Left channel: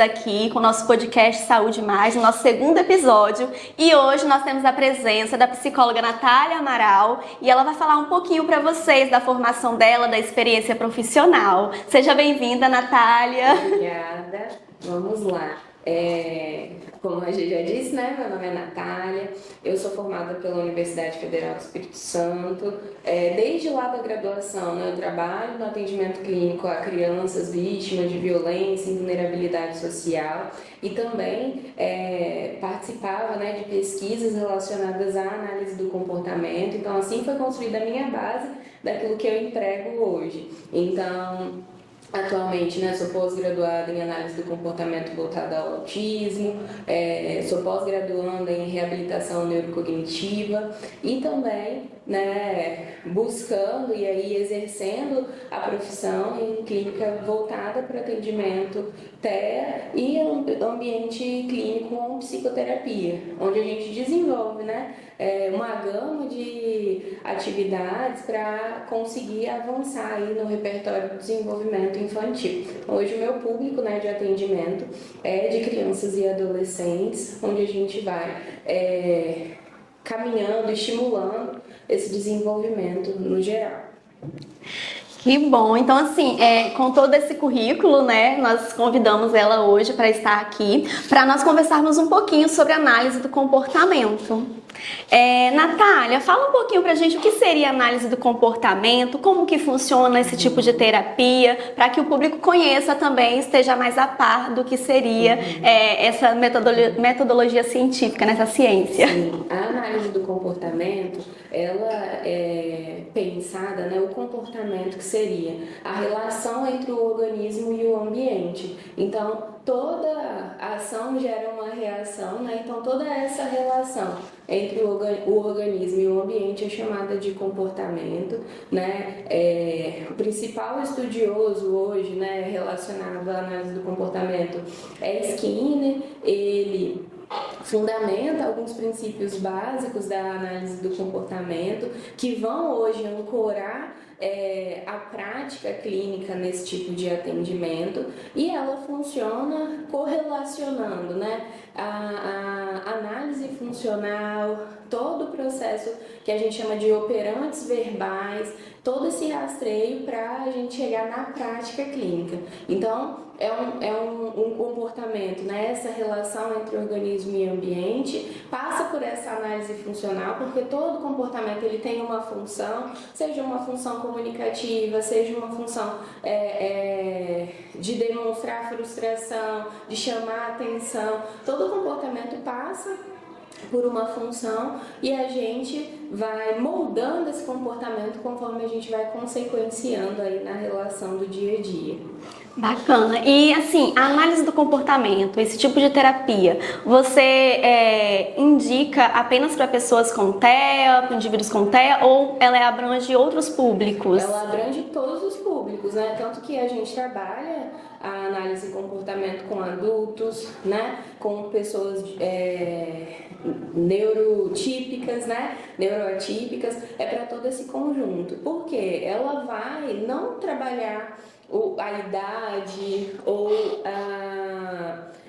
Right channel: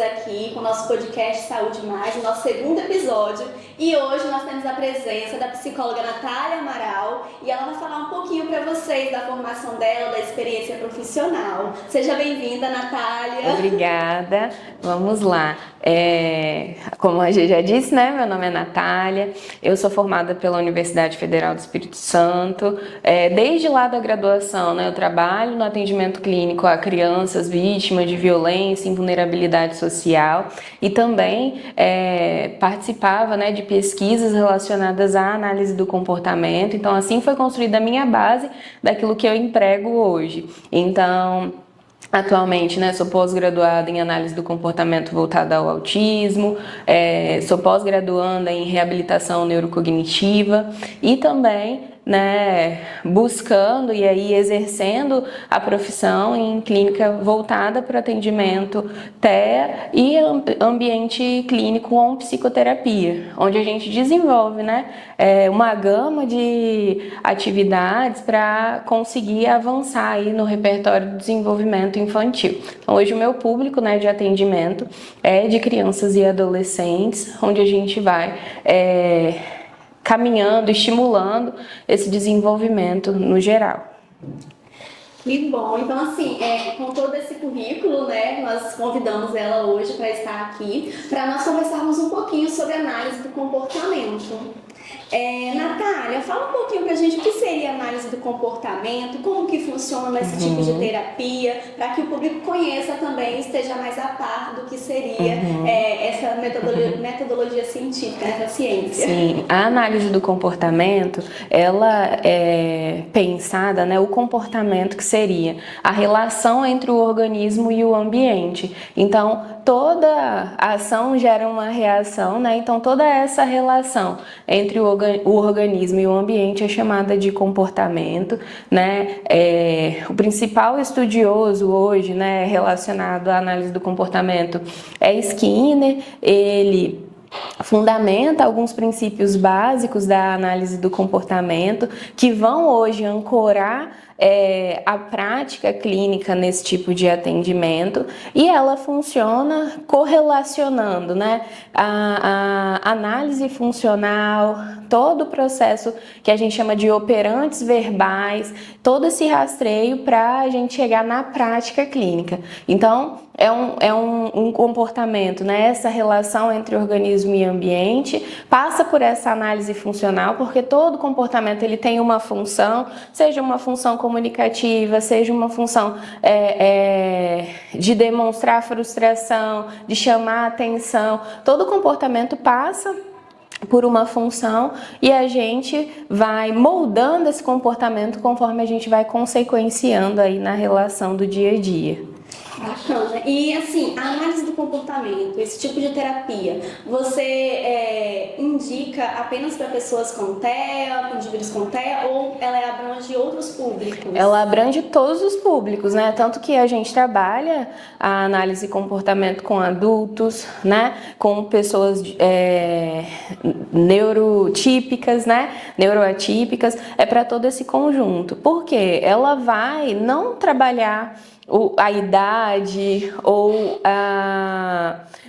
aqui com o nosso podcast Saúde Mais, no nosso segundo episódio. E hoje nós temos a presença da psicóloga Natália Amaral e ela vai falar um pouquinho para vocês da formação dela, da experiência profissional. Seja bem-vinda, Natália. Obrigada. Vamos lá. Como a gente já disse, né? Meu nome é Natália, eu sou formada pela Universidade Federal do Espírito Santo. Desde lá da graduação, né, eu trabalho no atendimento clínico a crianças vítimas de violência e vulnerabilidade social e também participava, né, de pesquisas relacionadas à análise do comportamento. Então, assim foi construída a minha base daquilo que eu emprego hoje. Então, atualmente, né, sou pós-graduada em análise do comportamento voltada ao autismo, sou pós-graduanda em reabilitação neurocognitiva e também, né, buscando e aí exercendo a profissão em clínica voltada para atendimento TEA e ambiente clínico com psicoterapia, onde a gente desenvolve, né, uma gama de atividades para conseguir avançar aí no repertório do desenvolvimento infantil. Então, hoje o meu público, né, de atendimento é de crianças e adolescentes, onde a gente vai caminhando, estimulando esse desenvolvimento no geral. Que bom! Então, assim, com todo esse currículo, né, nós convidamos ela hoje para estar aqui, para nós conversarmos um pouquinho sobre análise do comportamento. Natália, fala um pouquinho pra gente o que seria análise do comportamento, como que funciona esse tipo de terapia, para que o público conheça também e esteja mais a par do que seria essa metodologia científica, nessa ciência. Sim, a análise do comportamento, ela é pensada, né, o comportamento que seria a relação entre o organismo e o ambiente. Então, toda ação gera uma reação, né? Então, toda essa relação entre o organismo e o ambiente é chamada de comportamento, né? O principal estudioso hoje, né, relacionado à análise do comportamento é Skinner. Ele fundamenta alguns princípios básicos da análise do comportamento que vão hoje ancorar a prática clínica nesse tipo de atendimento, e ela funciona correlacionando, né, a análise funcional, todo o processo que a gente chama de operantes verbais, todo esse rastreio para a gente chegar na prática clínica. Então, é um comportamento, né? Essa relação entre organismo e ambiente passa por essa análise funcional, porque todo comportamento ele tem uma função, seja uma função comunicativa, seja uma função de demonstrar frustração, de chamar atenção. Todo comportamento passa por uma função e a gente vai moldando esse comportamento conforme a gente vai consequenciando aí na relação do dia a dia. Bacana. E assim, a análise do comportamento, esse tipo de terapia, você indica apenas para pessoas com TEA, com indivíduos com TEA, ou ela abrange outros públicos? Ela abrange todos os públicos, né? Tanto que a gente trabalha a análise de comportamento com adultos, né? Com pessoas neurotípicas, né? Neuroatípicas, é para todo esse conjunto. Por quê? Ela vai não trabalhar a idade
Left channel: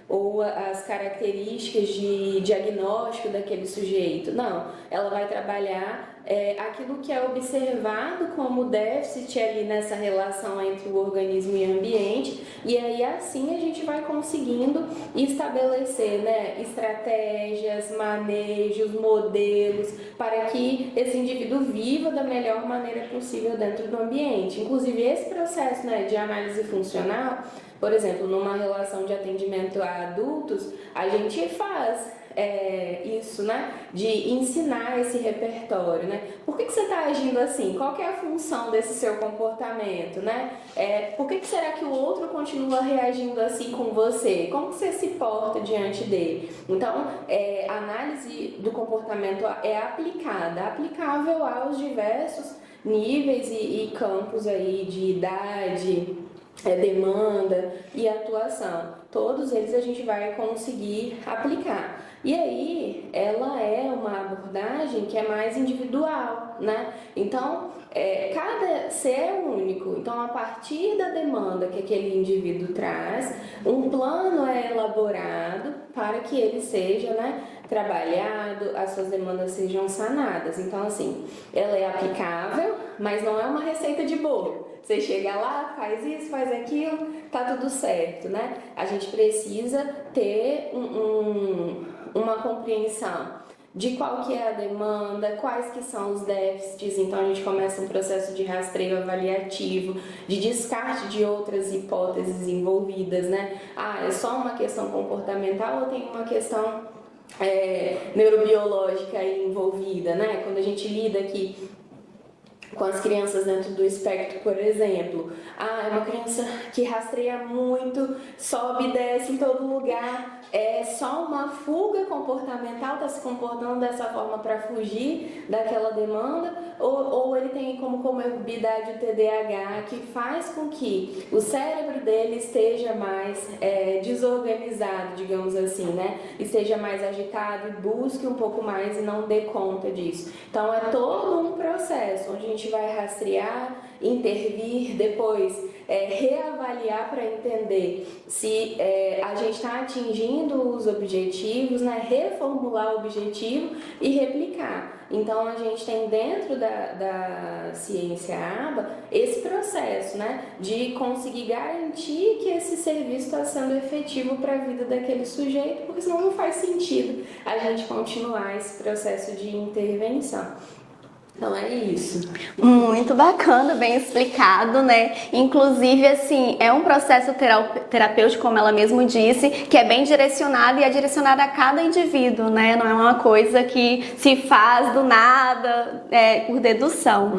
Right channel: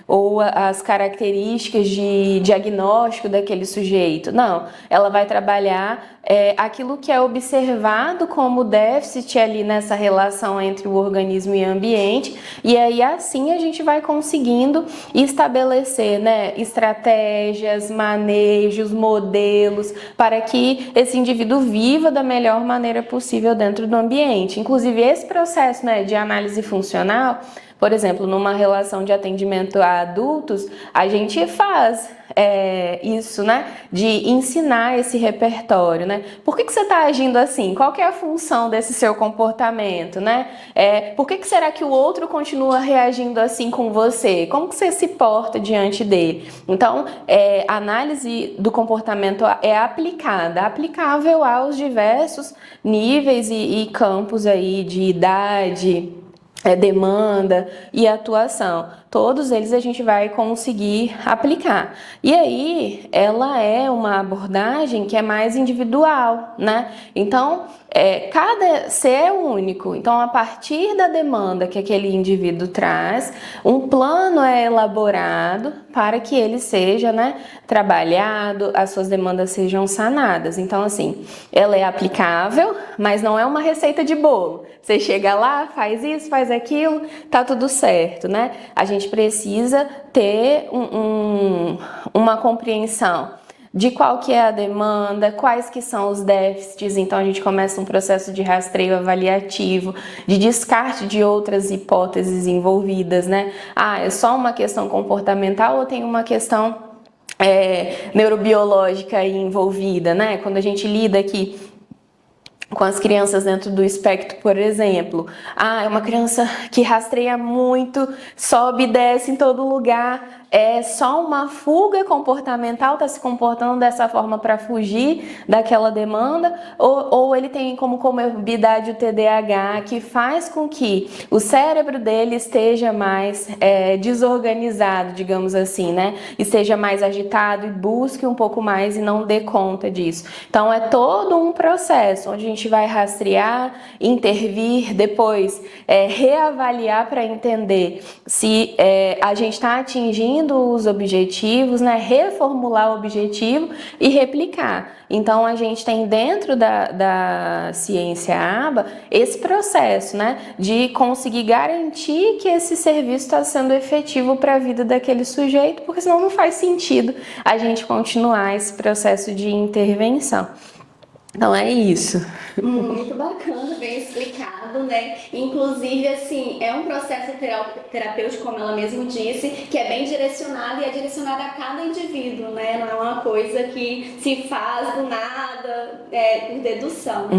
ou as características de diagnóstico daquele sujeito. Não, ela vai trabalhar aquilo que é observado como déficit ali nessa relação entre o organismo e o ambiente, e aí assim a gente vai conseguindo estabelecer, né, estratégias, manejos, modelos para que esse indivíduo viva da melhor maneira possível dentro do ambiente. Inclusive esse processo, né, de análise funcional, por exemplo, numa relação de atendimento a adultos, a gente faz isso, né? De ensinar esse repertório, né? Por que você está agindo assim? Qual que é a função desse seu comportamento, né? Por que será que o outro continua reagindo assim com você? Como que você se porta diante dele? Então, a análise do comportamento é aplicável aos diversos níveis e campos aí de idade, demanda e atuação. todos eles a gente vai conseguir aplicar. E aí, ela é uma abordagem que é mais individual, né? Então, cada ser é único. Então, a partir da demanda que aquele indivíduo traz, um plano é elaborado para que ele seja, né, trabalhado, as suas demandas sejam sanadas. Então, assim, ela é aplicável, mas não é uma receita de bolo. Você chega lá, faz isso, faz aquilo, tá tudo certo, né? A gente precisa ter uma compreensão de qual que é a demanda, quais que são os déficits. Então a gente começa um processo de rastreio avaliativo, de descarte de outras hipóteses envolvidas, né? Ah, é só uma questão comportamental ou tem uma questão neurobiológica aí envolvida, né? Quando a gente lida aqui com as crianças dentro do espectro, por exemplo. Ah, é uma criança que rastreia muito, sobe e desce em todo lugar. É só uma fuga comportamental, está se comportando dessa forma para fugir daquela demanda, ou ele tem como comorbidade o TDAH, que faz com que o cérebro dele esteja mais desorganizado, digamos assim, né? Esteja mais agitado e busque um pouco mais e não dê conta disso. Então é todo um processo onde a gente vai rastrear, intervir, depois reavaliar para entender se a gente está atingindo os objetivos, né? Reformular o objetivo e replicar. Então a gente tem dentro da ciência ABA esse processo, né? De conseguir garantir que esse serviço está sendo efetivo para a vida daquele sujeito, porque senão não faz sentido a gente continuar esse processo de intervenção. Então é isso. Muito bacana, bem explicado, né? Inclusive, assim, é um processo terapêutico, como ela mesmo disse, que é bem direcionado e é direcionado a cada indivíduo, né? Não é uma coisa que se faz do nada, por dedução.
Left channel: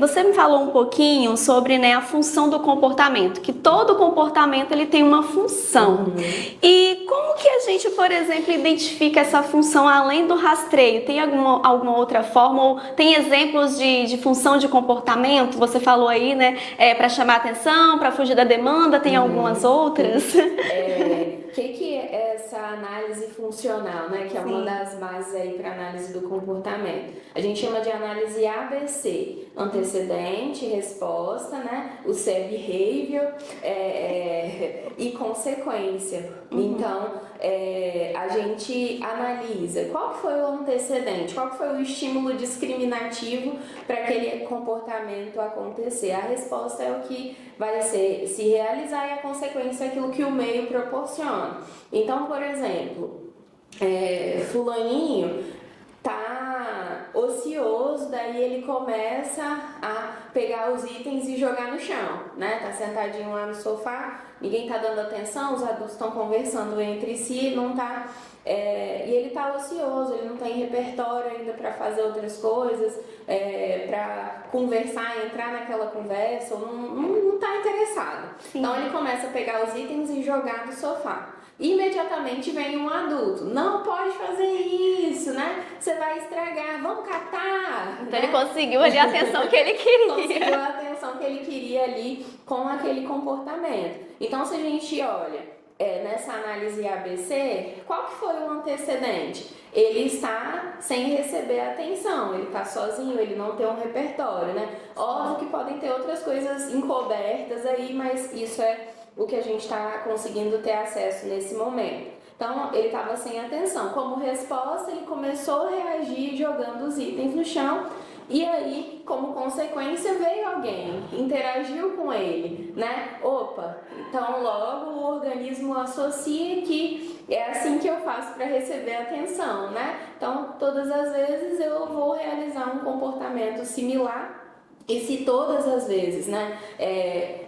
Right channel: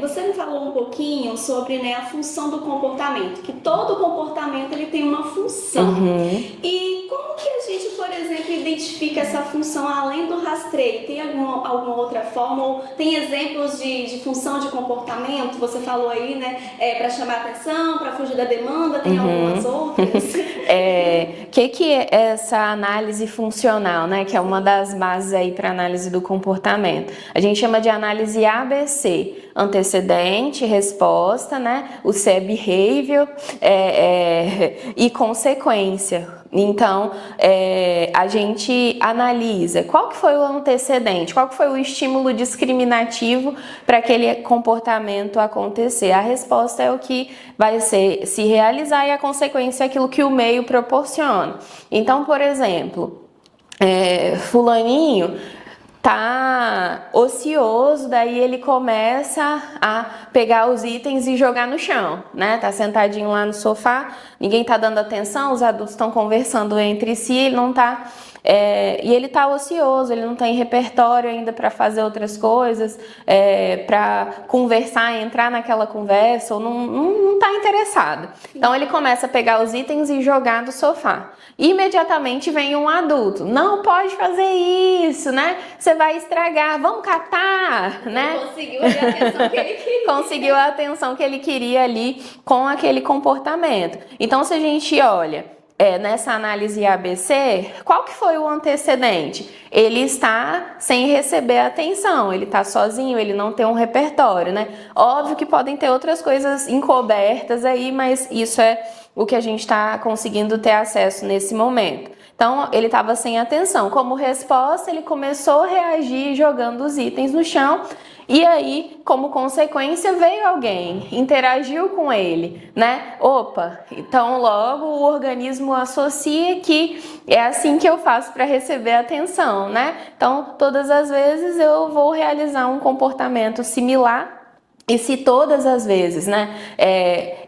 Você me falou um pouquinho sobre, né, a função do comportamento, que todo comportamento ele tem uma função. E como que a gente, por exemplo, identifica essa função além do rastreio? Tem alguma outra forma? Tem exemplos de função de comportamento? Você falou aí, né? Para chamar atenção, para fugir da demanda, tem algumas outras? Que é essa análise funcional, né? Que é uma das bases aí para análise do comportamento. A gente chama de análise ABC, antecedente, resposta, né? O C é behavior e consequência. Então, a gente analisa qual que foi o antecedente, qual que foi o estímulo discriminativo para aquele comportamento acontecer. A resposta é o que vai se realizar e a consequência é aquilo que o meio proporciona. Então, por exemplo, fulaninho tá ocioso, daí ele começa a pegar os itens e jogar no chão, né? Tá sentadinho lá no sofá, ninguém tá dando atenção, os adultos estão conversando entre si, ele não tá... e ele tá ocioso, ele não tem repertório ainda para fazer outras coisas, para conversar, entrar naquela conversa, ou não tá interessado. Sim. Então ele começa a pegar os itens e jogar do sofá. Imediatamente vem um adulto, não pode fazer isso, né? Você vai estragar, vamos catar, então, né? Ele conseguiu a atenção que ele queria. Conseguiu a atenção que ele queria ali com aquele comportamento. Então, se a gente olha nessa análise ABC, qual que foi o antecedente? Ele está sem receber atenção, ele está sozinho, ele não tem um repertório, né? Óbvio que podem ter outras coisas encobertas aí, mas isso é o que a gente está conseguindo ter acesso nesse momento. Então, ele estava sem atenção. Como resposta, ele começou a reagir jogando os itens no chão. E aí, como consequência, veio alguém, interagiu com ele, né? Opa, então logo o organismo associa que é assim que eu faço para receber atenção, né? Então, todas as vezes eu vou realizar um comportamento similar. E se todas as vezes, né,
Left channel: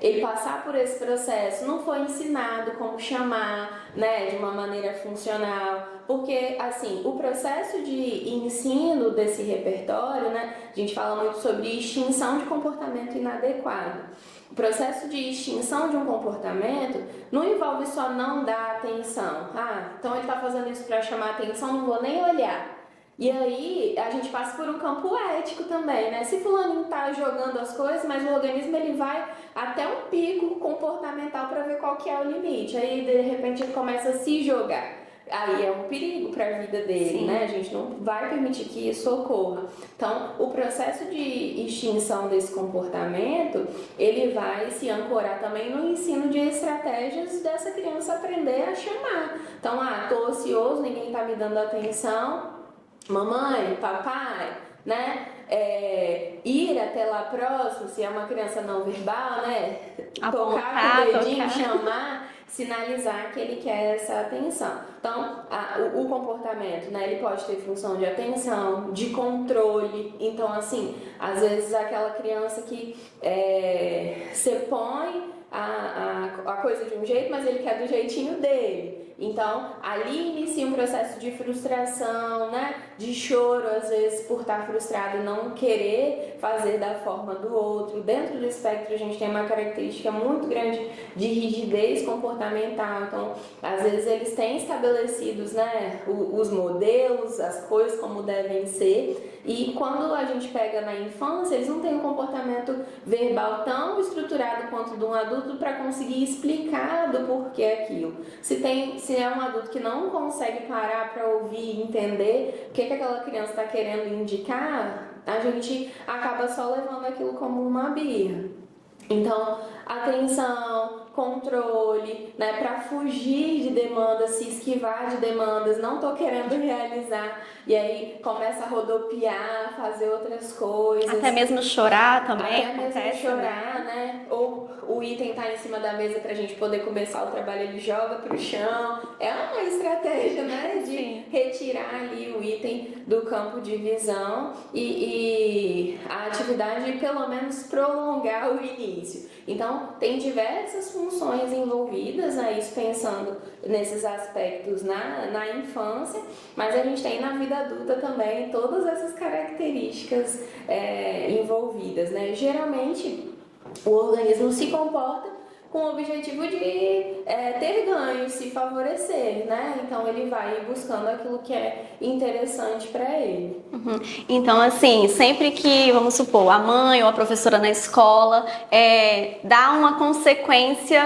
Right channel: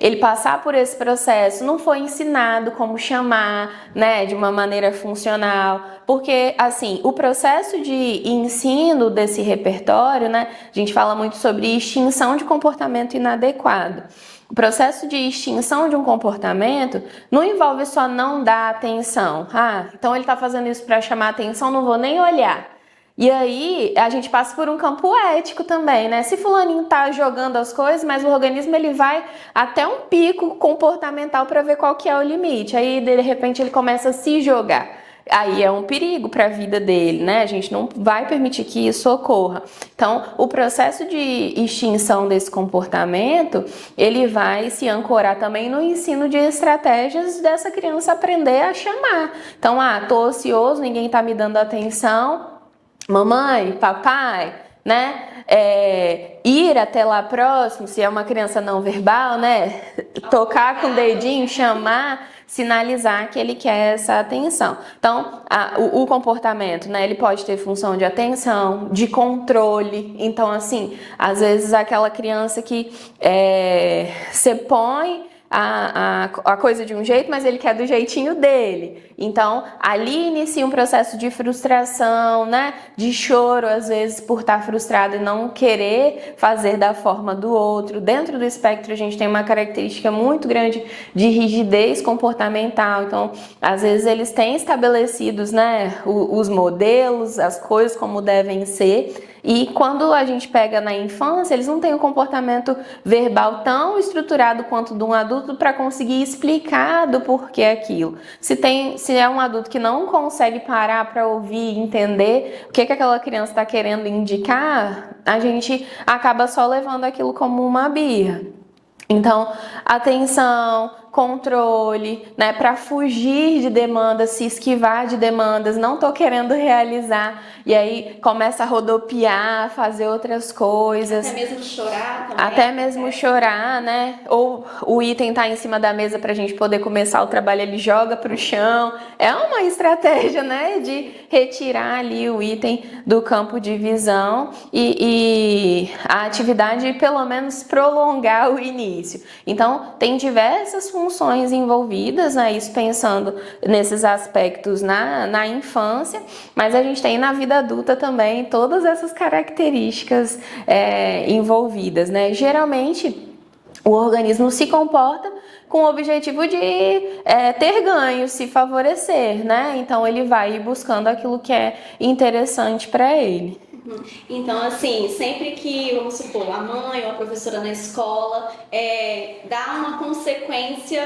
ele passar por esse processo, não foi ensinado como chamar, né, de uma maneira funcional, porque, assim, o processo de ensino desse repertório, né, a gente fala muito sobre extinção de comportamento inadequado. O processo de extinção de um comportamento não envolve só não dar atenção. Ah, então ele está fazendo isso para chamar atenção, não vou nem olhar. E aí, a gente passa por um campo ético também, né? Se fulaninho tá jogando as coisas, mas o organismo ele vai até um pico comportamental para ver qual que é o limite. Aí, de repente, ele começa a se jogar. Aí é um perigo para a vida dele, né? A gente não vai permitir que isso ocorra. Então, o processo de extinção desse comportamento, ele vai se ancorar também no ensino de estratégias dessa criança aprender a chamar. Então, tô ocioso, ninguém tá me dando atenção. Mamãe, papai, né? Ir até lá próximo, se é uma criança não verbal, né? Tocar com o dedinho, chamar, sinalizar que ele quer essa atenção. Então, o comportamento, né? Ele pode ter função de atenção, de controle. Então, assim, às vezes aquela criança que você põe a coisa de um jeito, mas ele quer do jeitinho dele. Então, ali inicia um processo de frustração, né? De choro, às vezes, por estar frustrado e não querer fazer da forma do outro. Dentro do espectro, a gente tem uma característica muito grande de rigidez comportamental. Então, às vezes, eles têm estabelecidos, né, os modelos, as coisas como devem ser. E quando a gente pega na infância, eles não têm um comportamento verbal tão estruturado quanto de um adulto para conseguir explicar do porquê aquilo. Se é um adulto que não consegue parar para ouvir e entender o que aquela criança está querendo indicar, a gente acaba só levando aquilo como uma birra. Então, atenção, controle, né, para fugir de demandas, se esquivar de demandas, não tô querendo realizar, e aí começa a rodopiar, fazer outras coisas. Até mesmo chorar também. Até mesmo chorar, né? Ou o item tá em cima da mesa pra gente poder começar o trabalho, ele joga pro chão. É uma estratégia, né, de retirar ali o item do campo de visão e a atividade pelo menos prolongar o início. Então, tem diversas funções envolvidas, né? Isso pensando nesses aspectos na infância, mas a gente tem na vida adulta também todas essas características envolvidas, né? Geralmente, o organismo se comporta com o objetivo de ter ganho, se favorecer, né? Então, ele vai buscando aquilo que é interessante para ele. Então, assim, sempre que, vamos supor, a mãe ou a professora na escola dá uma consequência,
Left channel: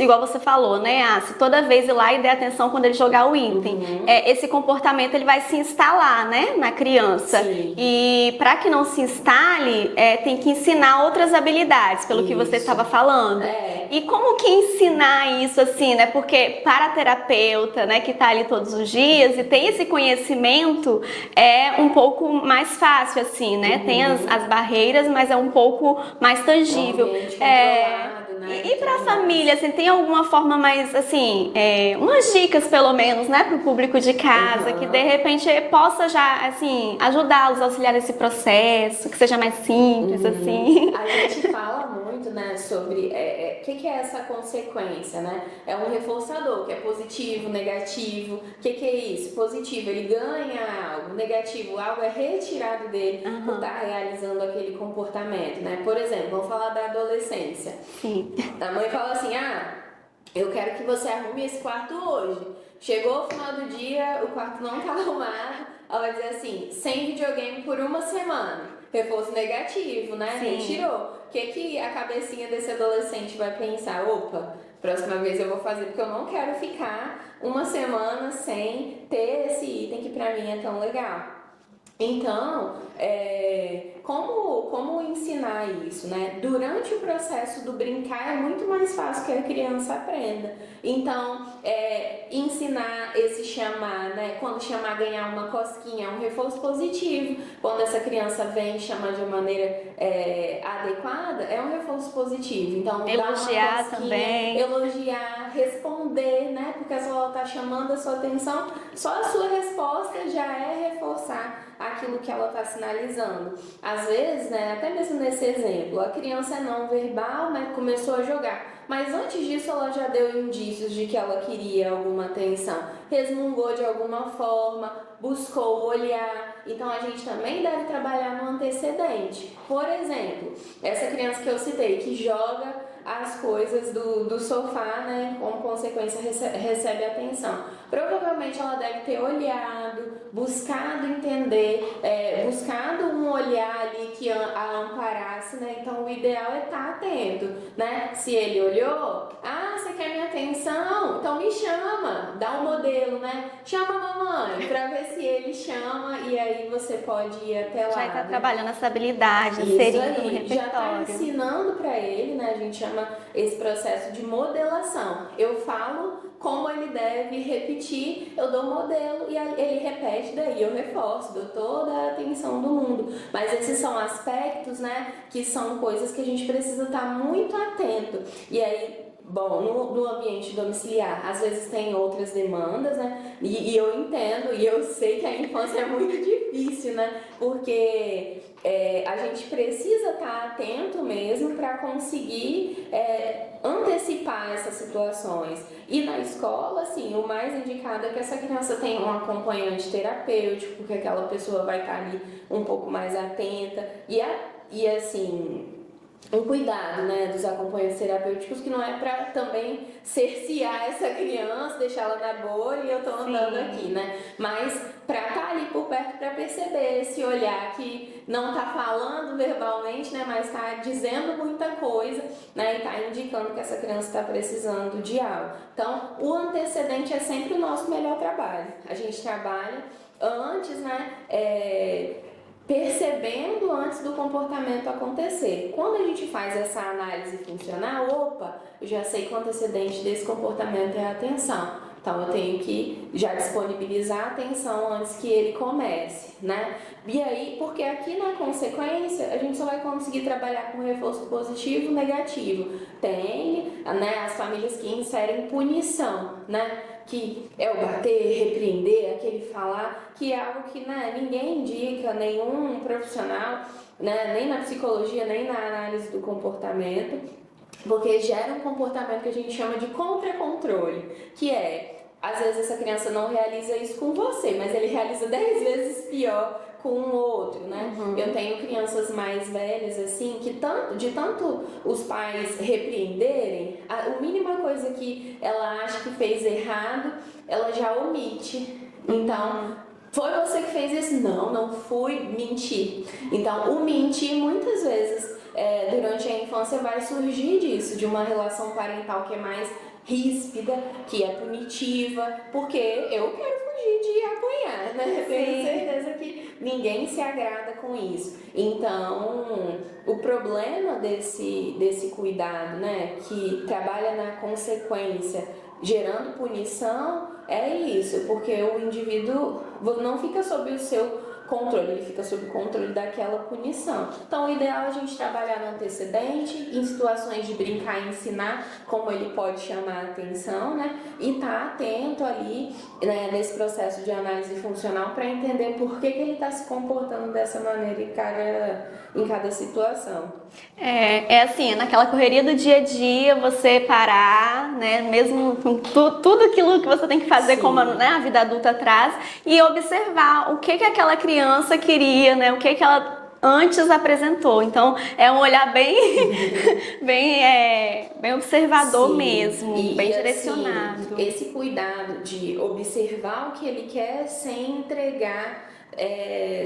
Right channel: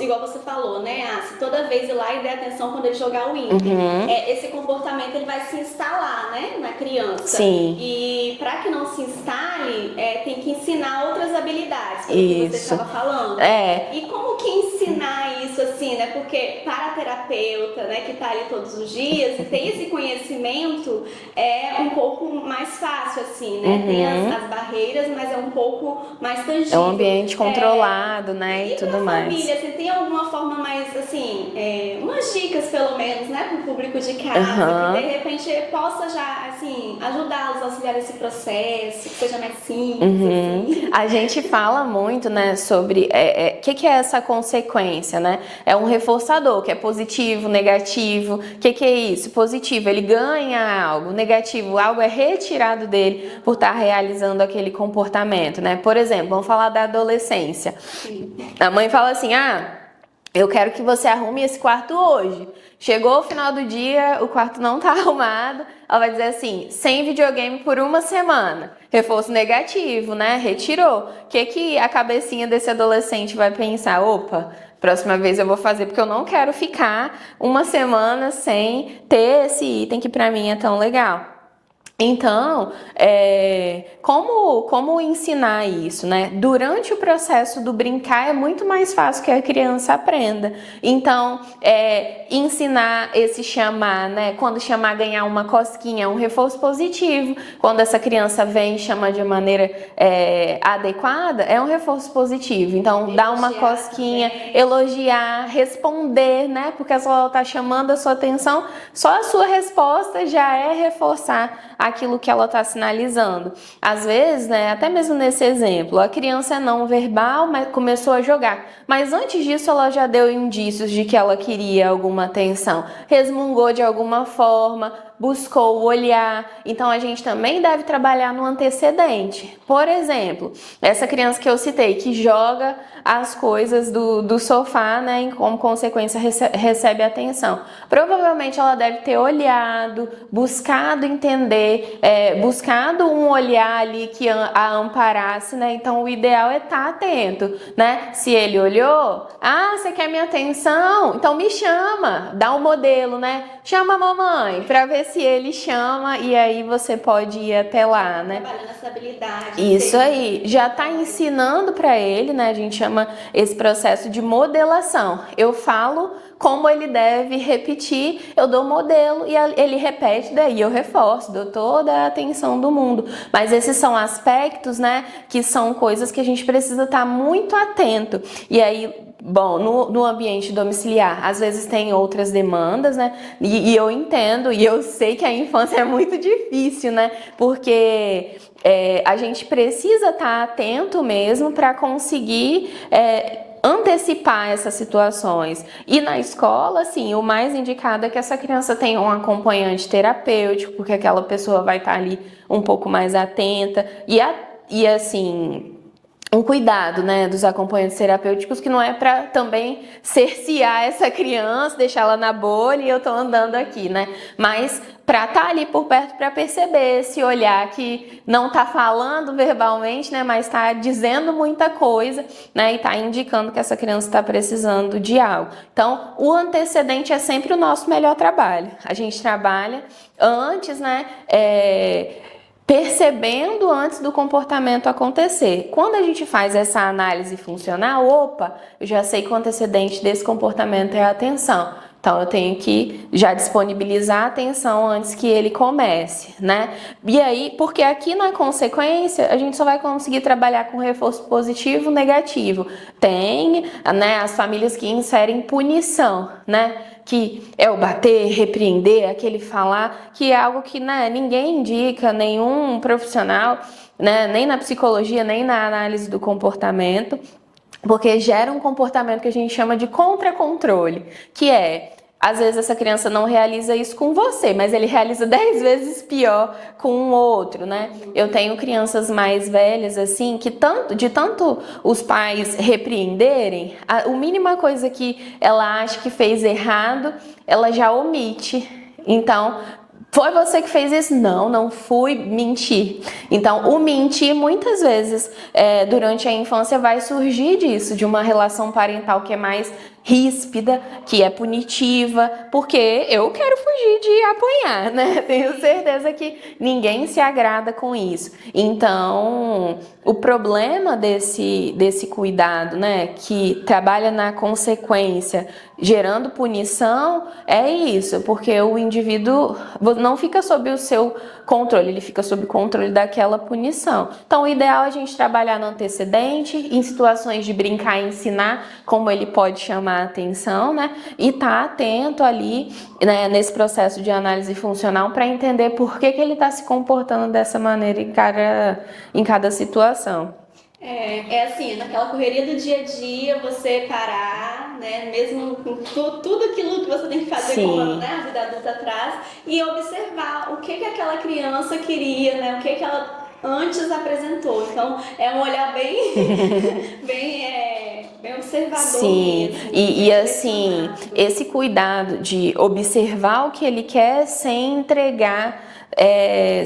igual você falou, né? Se toda vez ir lá e der atenção quando ele jogar o item, esse comportamento ele vai se instalar, né, na criança. Sim. E para que não se instale, tem que ensinar outras habilidades, pelo que você estava falando. E como que ensinar isso, assim, né? Porque para a terapeuta, né, que está ali todos os dias e tem esse conhecimento, é um pouco mais fácil, assim, né? Tem as barreiras, mas é um pouco mais tangível. É um ambiente controlado, né? E pra família, assim, tem alguma forma mais, assim, umas dicas, pelo menos, né? Pro público de casa, que de repente possa já, assim, ajudá-los a auxiliar nesse processo, que seja mais simples, assim. A gente fala muito, né, sobre o que é essa consequência, né? É um reforçador, que é positivo, negativo. O que é isso? Positivo, ele ganha algo. Negativo, algo é retirado dele por estar realizando aquele comportamento, né? Por exemplo, vamos falar da adolescência. Sim. A mãe fala assim, eu quero que você arrume esse quarto hoje. Chegou o final do dia, o quarto não tá arrumado. Ela vai dizer assim, sem videogame por uma semana. Reforço negativo, né? Sim. Retirou. O que a cabecinha desse adolescente vai pensar? Opa, próxima vez eu vou fazer, porque eu não quero ficar uma semana sem ter esse item que pra mim é tão legal. Então, como ensinar isso, né? Durante o processo do brincar é muito mais fácil que a criança aprenda. Então, ensinar esse chamar, né? Quando chamar ganhar uma cosquinha, é um reforço positivo. Quando essa criança vem e chama de maneira adequada, é um reforço positivo. Então, dar uma cosquinha, também. Elogiar, responder, né? Porque se ela está chamando a sua atenção, só a sua resposta já é reforçar aquilo que ela está sinalizando. Às vezes, né, até mesmo nesse exemplo, a criança é não verbal, mas começou a jogar. Mas antes disso, ela já deu indícios de que ela queria alguma atenção. Resmungou de alguma forma, buscou olhar. Então a gente também deve trabalhar no antecedente. Por exemplo, essa criança que eu citei, que joga as coisas do sofá, né, e como consequência recebe atenção. Provavelmente ela deve ter olhado, buscado entender, buscado um olhar ali que a amparasse, né? Então o ideal é estar atento, né? Se ele olhou, você quer minha atenção? Então me chama, dá um modelo, né? Chama a mamãe, para ver se ele chama e aí você pode ir até lá, já tá, né? Trabalhando essa habilidade. Isso aí, já tá ensinando para ele, né? A gente chama esse processo de modelação. Eu falo como ele deve repetir, eu dou modelo e ele repete, daí eu reforço, dou toda a atenção do mundo. Mas esses são aspectos, né, que são coisas que a gente precisa estar muito atento. E aí, bom, no ambiente domiciliar, às vezes tem outras demandas, né? E eu entendo, e eu sei que a infância é muito difícil, né? Porque a gente precisa estar atento mesmo para conseguir antecipar essas situações. E na escola, assim, o mais indicado é que essa criança tenha um acompanhante terapêutico, porque aquela pessoa vai estar ali um pouco mais atenta e assim, um cuidado, né, dos acompanhantes terapêuticos, que não é para também cercear essa criança, deixá-la na bolha e eu tô andando aqui, né, mas para estar ali por perto para perceber, se olhar que não tá falando verbalmente, né, mas tá dizendo muita coisa, né, e tá indicando que essa criança está precisando de algo. Então, o antecedente é sempre o nosso melhor trabalho. A gente trabalha antes, né, percebendo antes do comportamento acontecer. Quando a gente faz essa análise funcional, eu já sei que o antecedente desse comportamento é a atenção. Então eu tenho que já disponibilizar a atenção antes que ele comece, né? E aí, porque aqui na consequência, a gente só vai conseguir trabalhar com reforço positivo e negativo. Tem, né, as famílias que inserem punição, né? Que é o bater, repreender, aquele falar, que é algo que, né, ninguém indica, nenhum profissional, né, nem na psicologia, nem na análise do comportamento, porque gera um comportamento que a gente chama de contra-controle, que às vezes essa criança não realiza isso com você, mas ele realiza 10 vezes pior com um outro, né? Eu tenho crianças mais velhas, assim, que de tanto os pais repreenderem, a mínima coisa que ela acha que fez errado, ela já omite. Então, foi você que fez isso? Não, não fui, mentir. Então, o mentir muitas vezes durante a infância vai surgir disso, de uma relação parental que é mais ríspida, que é punitiva, porque eu quero fugir de apanhar, né? Tenho certeza que ninguém se agrada com isso. Então, o problema desse cuidado, né, que trabalha na consequência, gerando punição, é isso, porque o indivíduo não fica sob o seu controle, ele fica sob o controle daquela punição. Então, o ideal é a gente trabalhar no antecedente, em situações de brincar e ensinar, como ele pode chamar a atenção, né? E estar atento ali, né, nesse processo de análise funcional para entender por que ele está se comportando dessa maneira em cada situação. Assim, naquela correria do dia a dia, você parar, né, mesmo com tudo aquilo que você tem que fazer, Sim. como, né, a vida adulta traz, e observar o que aquela criança queria, né, o que ela antes apresentou. Então, é um olhar bem observador. Sim. Mesmo. E assim, esse cuidado de observar o que ele quer sem entregar,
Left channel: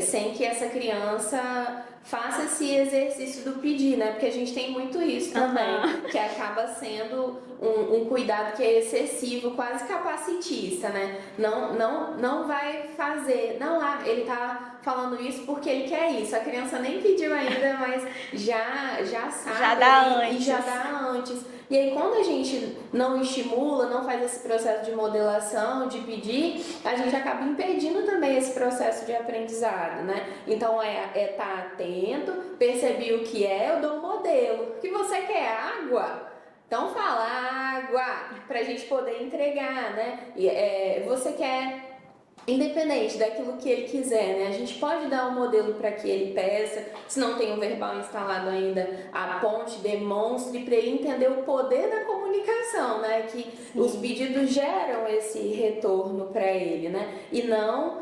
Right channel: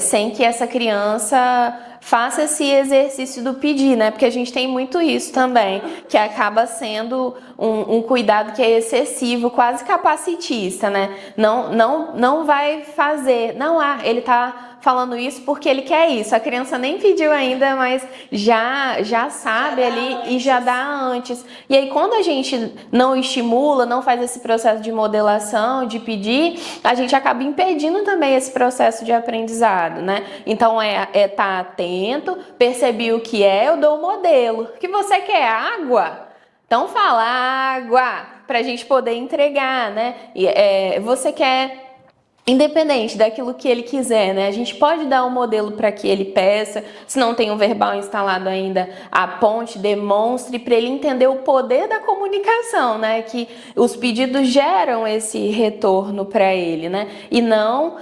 sem que essa criança faça esse exercício do pedir, né? Porque a gente tem muito isso também, que acaba sendo um cuidado que é excessivo, quase capacitista, né? Não vai fazer, ele tá falando isso porque ele quer isso. A criança nem pediu ainda, mas já sabe ali e já dá antes. E aí, quando a gente não estimula, não faz esse processo de modelação, de pedir, a gente acaba impedindo também esse processo de aprendizado, né? Então, tá atento, percebi o que eu dou o modelo. O que você quer? Água? Então, fala água, pra gente poder entregar, né? Você quer independente daquilo que ele quiser, né? A gente pode dar um modelo para que ele peça, se não tem um verbal instalado ainda, aponte, demonstre para ele entender o poder da comunicação, né? Que os pedidos geram esse retorno para ele, né? E não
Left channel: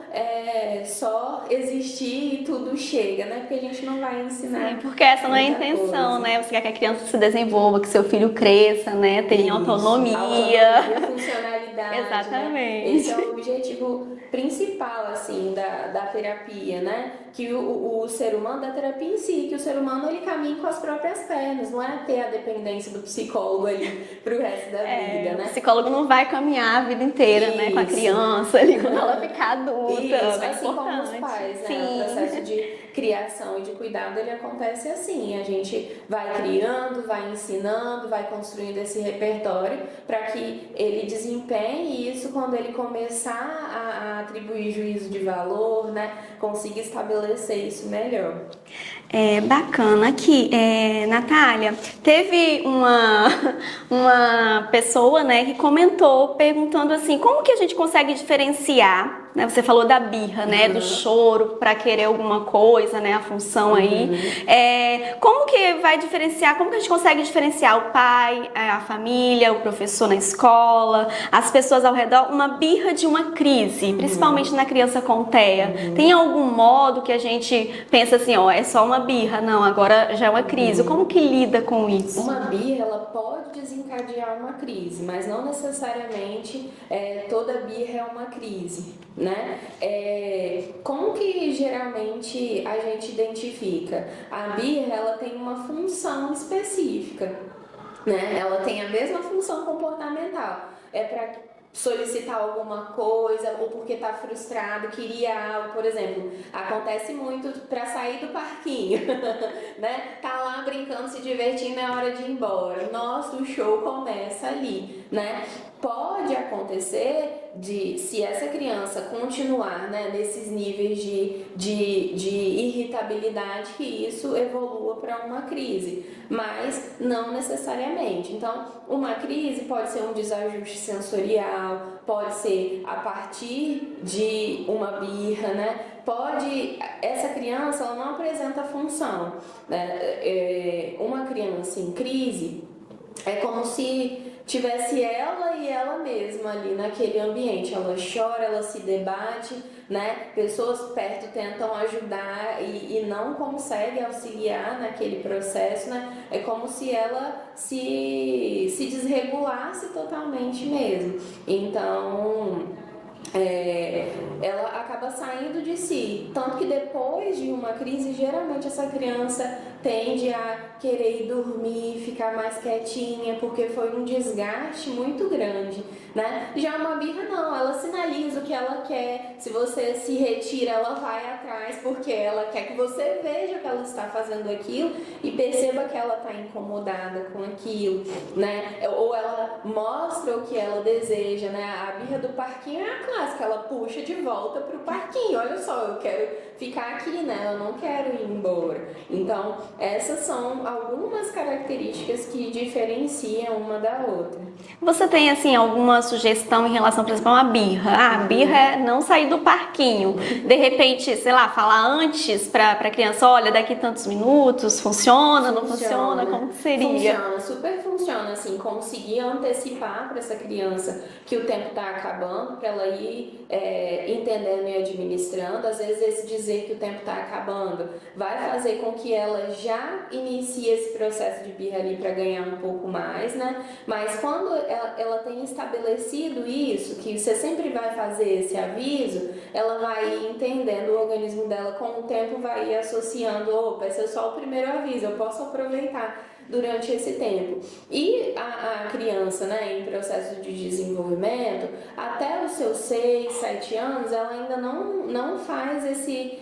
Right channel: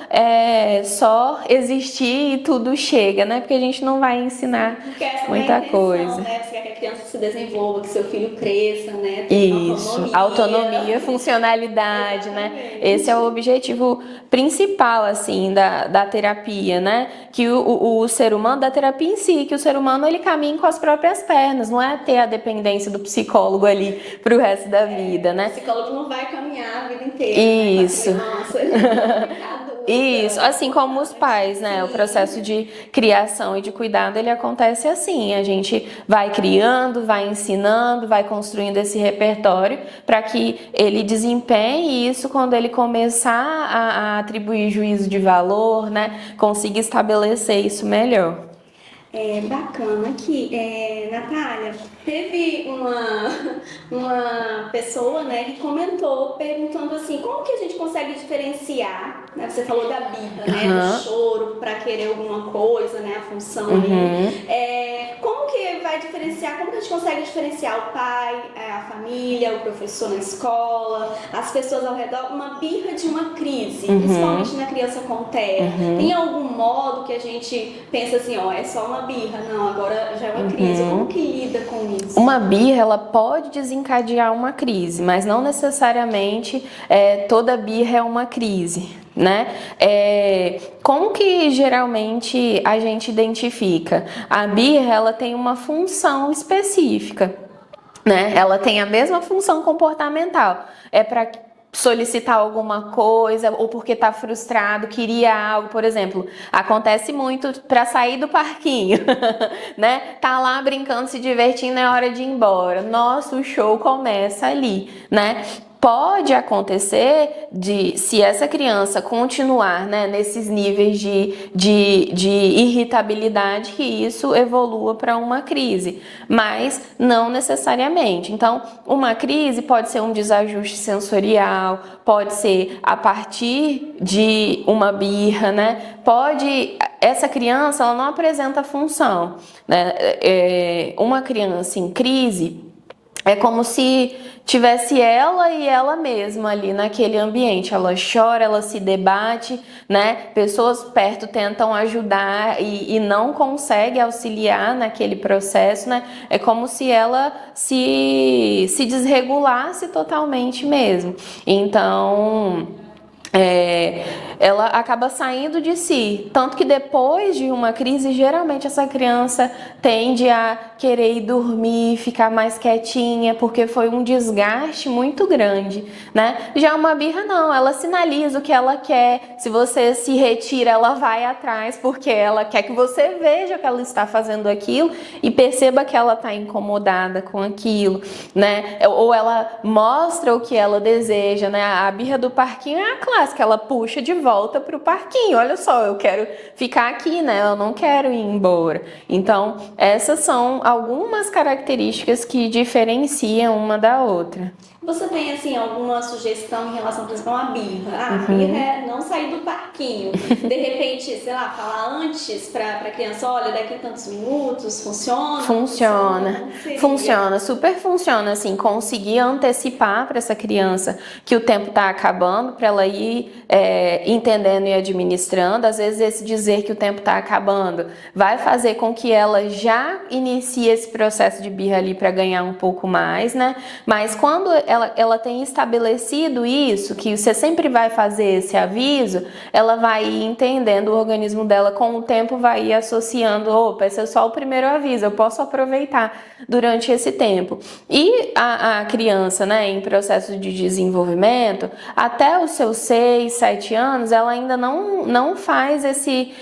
só existir e tudo chega, né? Porque a gente não vai ensinar. Porque essa não é a intenção, coisa, né? Você quer que a criança se desenvolva, que seu filho cresça, né? Tenha autonomia. Autonomia, funcionalidade, né? Esse é o objetivo principal, assim, da terapia, né? Que o ser humano, da terapia em si, que o ser humano, ele caminha com as próprias pernas, não é ter a dependência do psicólogo ali pro resto da vida, né? O psicólogo não vai caminhar a vida inteira, né? Com a criança, ele vai ficar adulta. Isso, assim como os pais, né? Sim. O processo de criação e de cuidado, ele acontece assim, a gente vai criando, vai ensinando, vai construindo esse repertório para que ele desempenhe isso quando ele começar a atribuir juízo de valor, né? Consiga estabelecer isso melhor. Bacana aqui, Natália, teve uma pessoa, né, que comentou, perguntando assim, como que a gente consegue diferenciar, né, você falou da birra, né, do choro para querer alguma coisa, né, a função aí, como que vai diferenciar, como que a gente consegue diferenciar o pai, a família, o professor na escola, as pessoas ao redor, uma birra de uma crise, principalmente na criança com TEA? Tem algum modo que a gente pensa assim, ó, é só uma birra, não, agora já é uma crise. Como que lida com isso? Uma birra, ela pode desencadear uma crise, mas não necessariamente toda birra é uma crise, né? Como que geralmente a gente identifica? A birra, ela tem uma função específica, né? Ela tem a mesma função comportamental. É para solicitar alguma coisa ou porque tá frustrado, queria algo, por exemplo, acontece muito para sair do parquinho, né? Tá lá brincando, se divertindo, é hora de ir embora. Nossa, o show começa ali, né? Pode acontecer se essa criança continuar, né, nesses níveis de irritabilidade, que isso evolua para uma crise, mas não necessariamente. Então, uma crise pode ser um desajuste sensorial, pode ser a partir de uma birra, né? Essa criança, ela não apresenta função, né? Uma criança em crise é como se tivesse ela e ela mesma ali naquele ambiente. Ela chora, ela se debate, né? Pessoas perto tentam ajudar e não conseguem auxiliar naquele processo, né? É como se ela se desregulasse totalmente mesmo. Então, ela acaba saindo de si, tanto que depois de uma crise, geralmente essa criança tende a querer ir dormir, ficar mais quietinha, porque foi um desgaste muito grande, né? Já uma birra não, ela sinaliza o que ela quer, se você se retira, ela vai atrás, porque ela quer que você veja que ela está fazendo aquilo e perceba que ela está incomodada com aquilo, né? Ou ela mostra o que ela deseja, né? A birra do parquinho é a clássica, ela puxa de volta para o parquinho. Olha só, eu quero ficar aqui, né? Eu não quero ir embora. Então, essas são algumas características que diferenciam uma da outra. Você tem, assim, alguma sugestão em relação, por exemplo, a uma birra? A birra é não sair do parquinho. De repente, sei lá, falar antes para a criança, olha, daqui tantos minutos, funciona? Funciona, super funciona, assim, conseguir antecipar para essa criança que o tempo está acabando, para ela ir entendendo e administrando. Às vezes esse dizer que o tempo está acabando vai fazer com que ela já inicie esse processo de birra ali para ganhar um pouco mais, né? Mas quando ela tem estabelecido isso, que você sempre vai fazer esse aviso, ela vai ir entendendo, o organismo dela com o tempo vai ir associando, opa, esse é só o primeiro aviso, eu posso aproveitar durante esse tempo. E a criança, né, em processo de desenvolvimento, até os seus 6, 7 anos, ela ainda não faz esse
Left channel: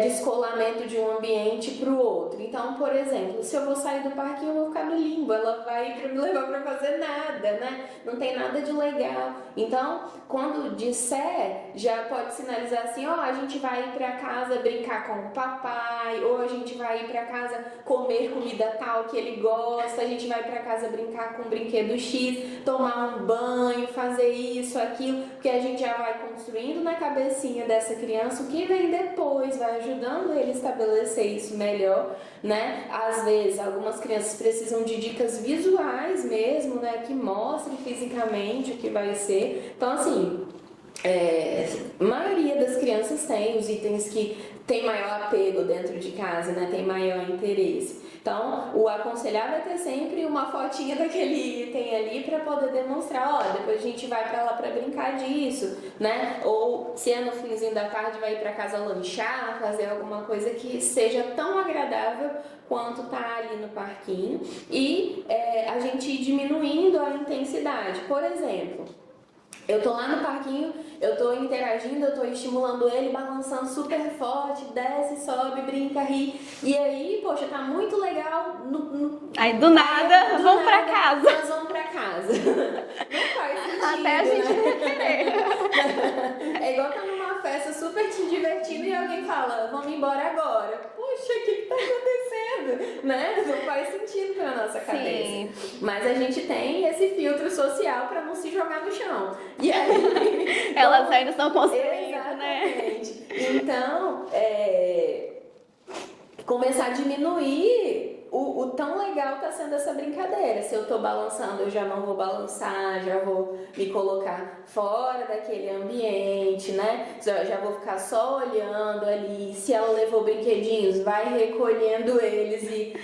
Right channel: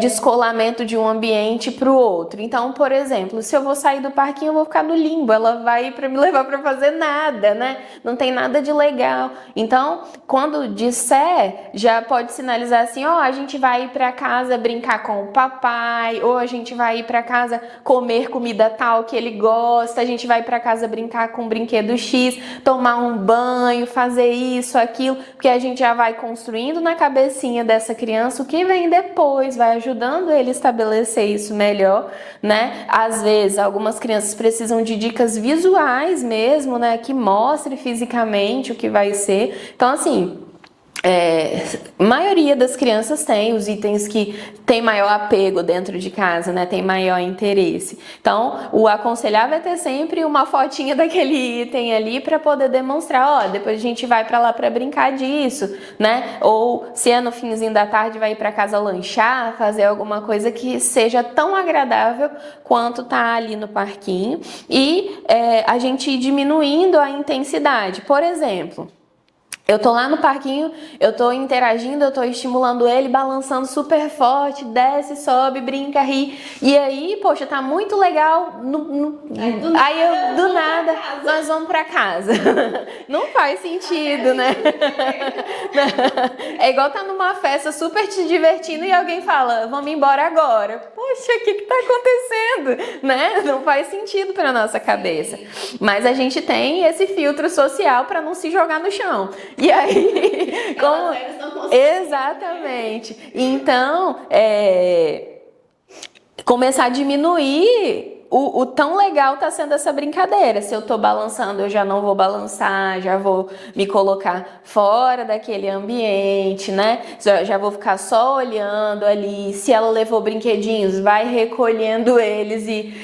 descolamento de um ambiente para o outro. Então, por exemplo, se eu vou sair do parquinho, eu vou ficar no limbo, ela vai para me levar para fazer nada, né? Não tem nada de legal. Então, quando disser, já pode sinalizar assim, ó, a gente vai ir para casa brincar com o papai, ou a gente vai ir para casa comer comida tal que ele gosta, a gente vai para casa brincar com o brinquedo X, tomar um banho, fazer isso, aquilo, porque a gente já vai construindo na cabecinha dessa criança o que vem depois, vai ajudando ele a estabelecer isso melhor, né? Às vezes, algumas crianças precisam de dicas visuais mesmo, né? Que mostre fisicamente o que vai ser. Então, assim, a maioria das crianças tem os itens que tem maior apego dentro de casa, né? Tem maior interesse. Então, o aconselhável é ter sempre uma fotinha daquele item ali para poder demonstrar, ó, depois a gente vai para lá para brincar disso, né? Ou se é no finzinho da tarde, vai ir para casa lanchar, fazer alguma coisa que seja tão agradável quanto tá ali no parquinho. E a gente ir diminuindo a intensidade. Por exemplo, eu tô lá no parquinho, eu tô interagindo, eu tô estimulando ele, balançando super forte, desce, sobe, brinca, ri. E aí, poxa, tá muito legal. Aí do nada, nós vamos pra casa. Não faz sentido, né? É igual tá numa festa super te divertindo e alguém fala, vamos embora agora. Poxa, o que tá acontecendo? Né? Não faz sentido pra nossa cabeça. Sim. Mas a gente tem esse filtro social pra não se jogar no chão. E aí, elas ainda estão conseguindo. Exatamente. Né? Então, começar a diminuir o tão legal tá sendo essa brincadeira. Se eu tô balançando, eu já não vou balançar, já vou me colocar fora daquele ambiente, né? Já vou ficar só olhando ali. Se ela levou brinquedinhos, vai recolhendo eles e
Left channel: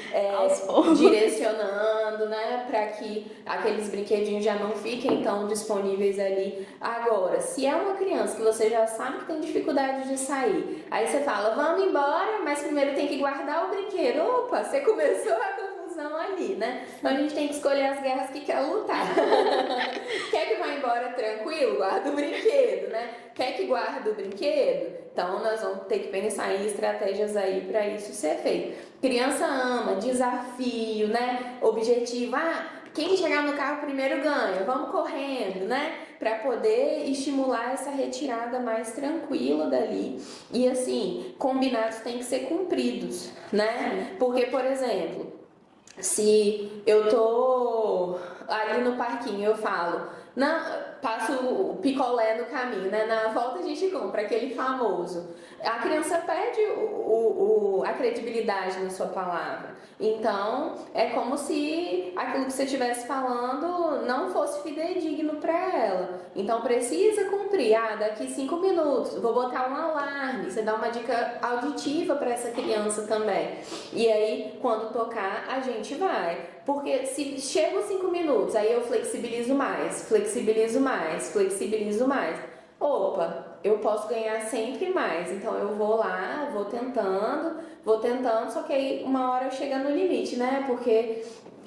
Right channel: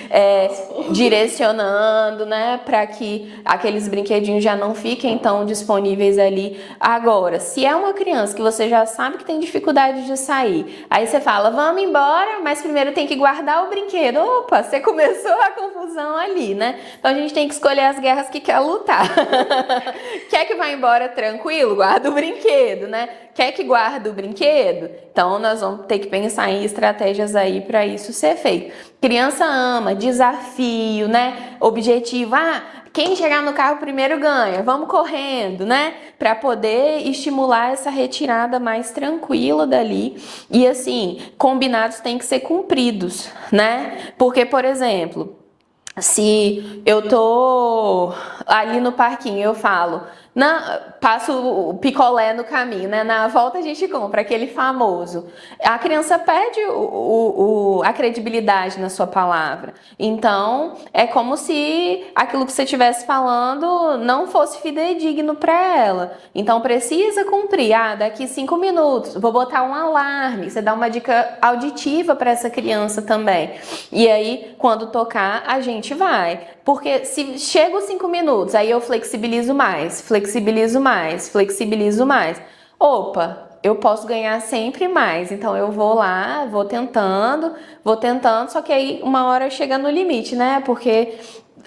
direcionando, né? Para que aqueles brinquedinhos já não fiquem tão disponíveis ali. Agora, se é uma criança que você já sabe que tem dificuldade de sair, aí você fala, vamos embora, mas primeiro tem que guardar o brinquedo. Opa, você começou a confusão ali, né? Então a gente tem que escolher as guerras que quer lutar. Quer que vá embora tranquilo? Guarda o brinquedo, né? Quer que guarde o brinquedo? Então nós vamos ter que pensar em estratégias aí para isso ser feito. Criança ama, desafio, né? Objetivo, quem chegar no carro primeiro ganha, vamos correndo, né? Para poder estimular essa retirada mais tranquila dali. E assim, combinados têm que ser cumpridos, né? Porque, por exemplo, se eu tô ali no parquinho, eu falo, passo o picolé no caminho, né? Na volta a gente compra aquele famoso. A criança perde a credibilidade na sua palavra. Então, é como se aquilo que você estivesse falando não fosse fidedigno para ela. Então, precisa cumprir. Daqui 5 minutos, vou botar um alarme. Você dá uma dica auditiva para essa criança também. E aí, quando tocar, a gente vai. Porque se chega os 5 minutos, aí eu flexibilizo mais. Opa, eu posso ganhar sempre mais. Então eu vou lá, vou tentando, só que aí uma hora chega no limite, né? Porque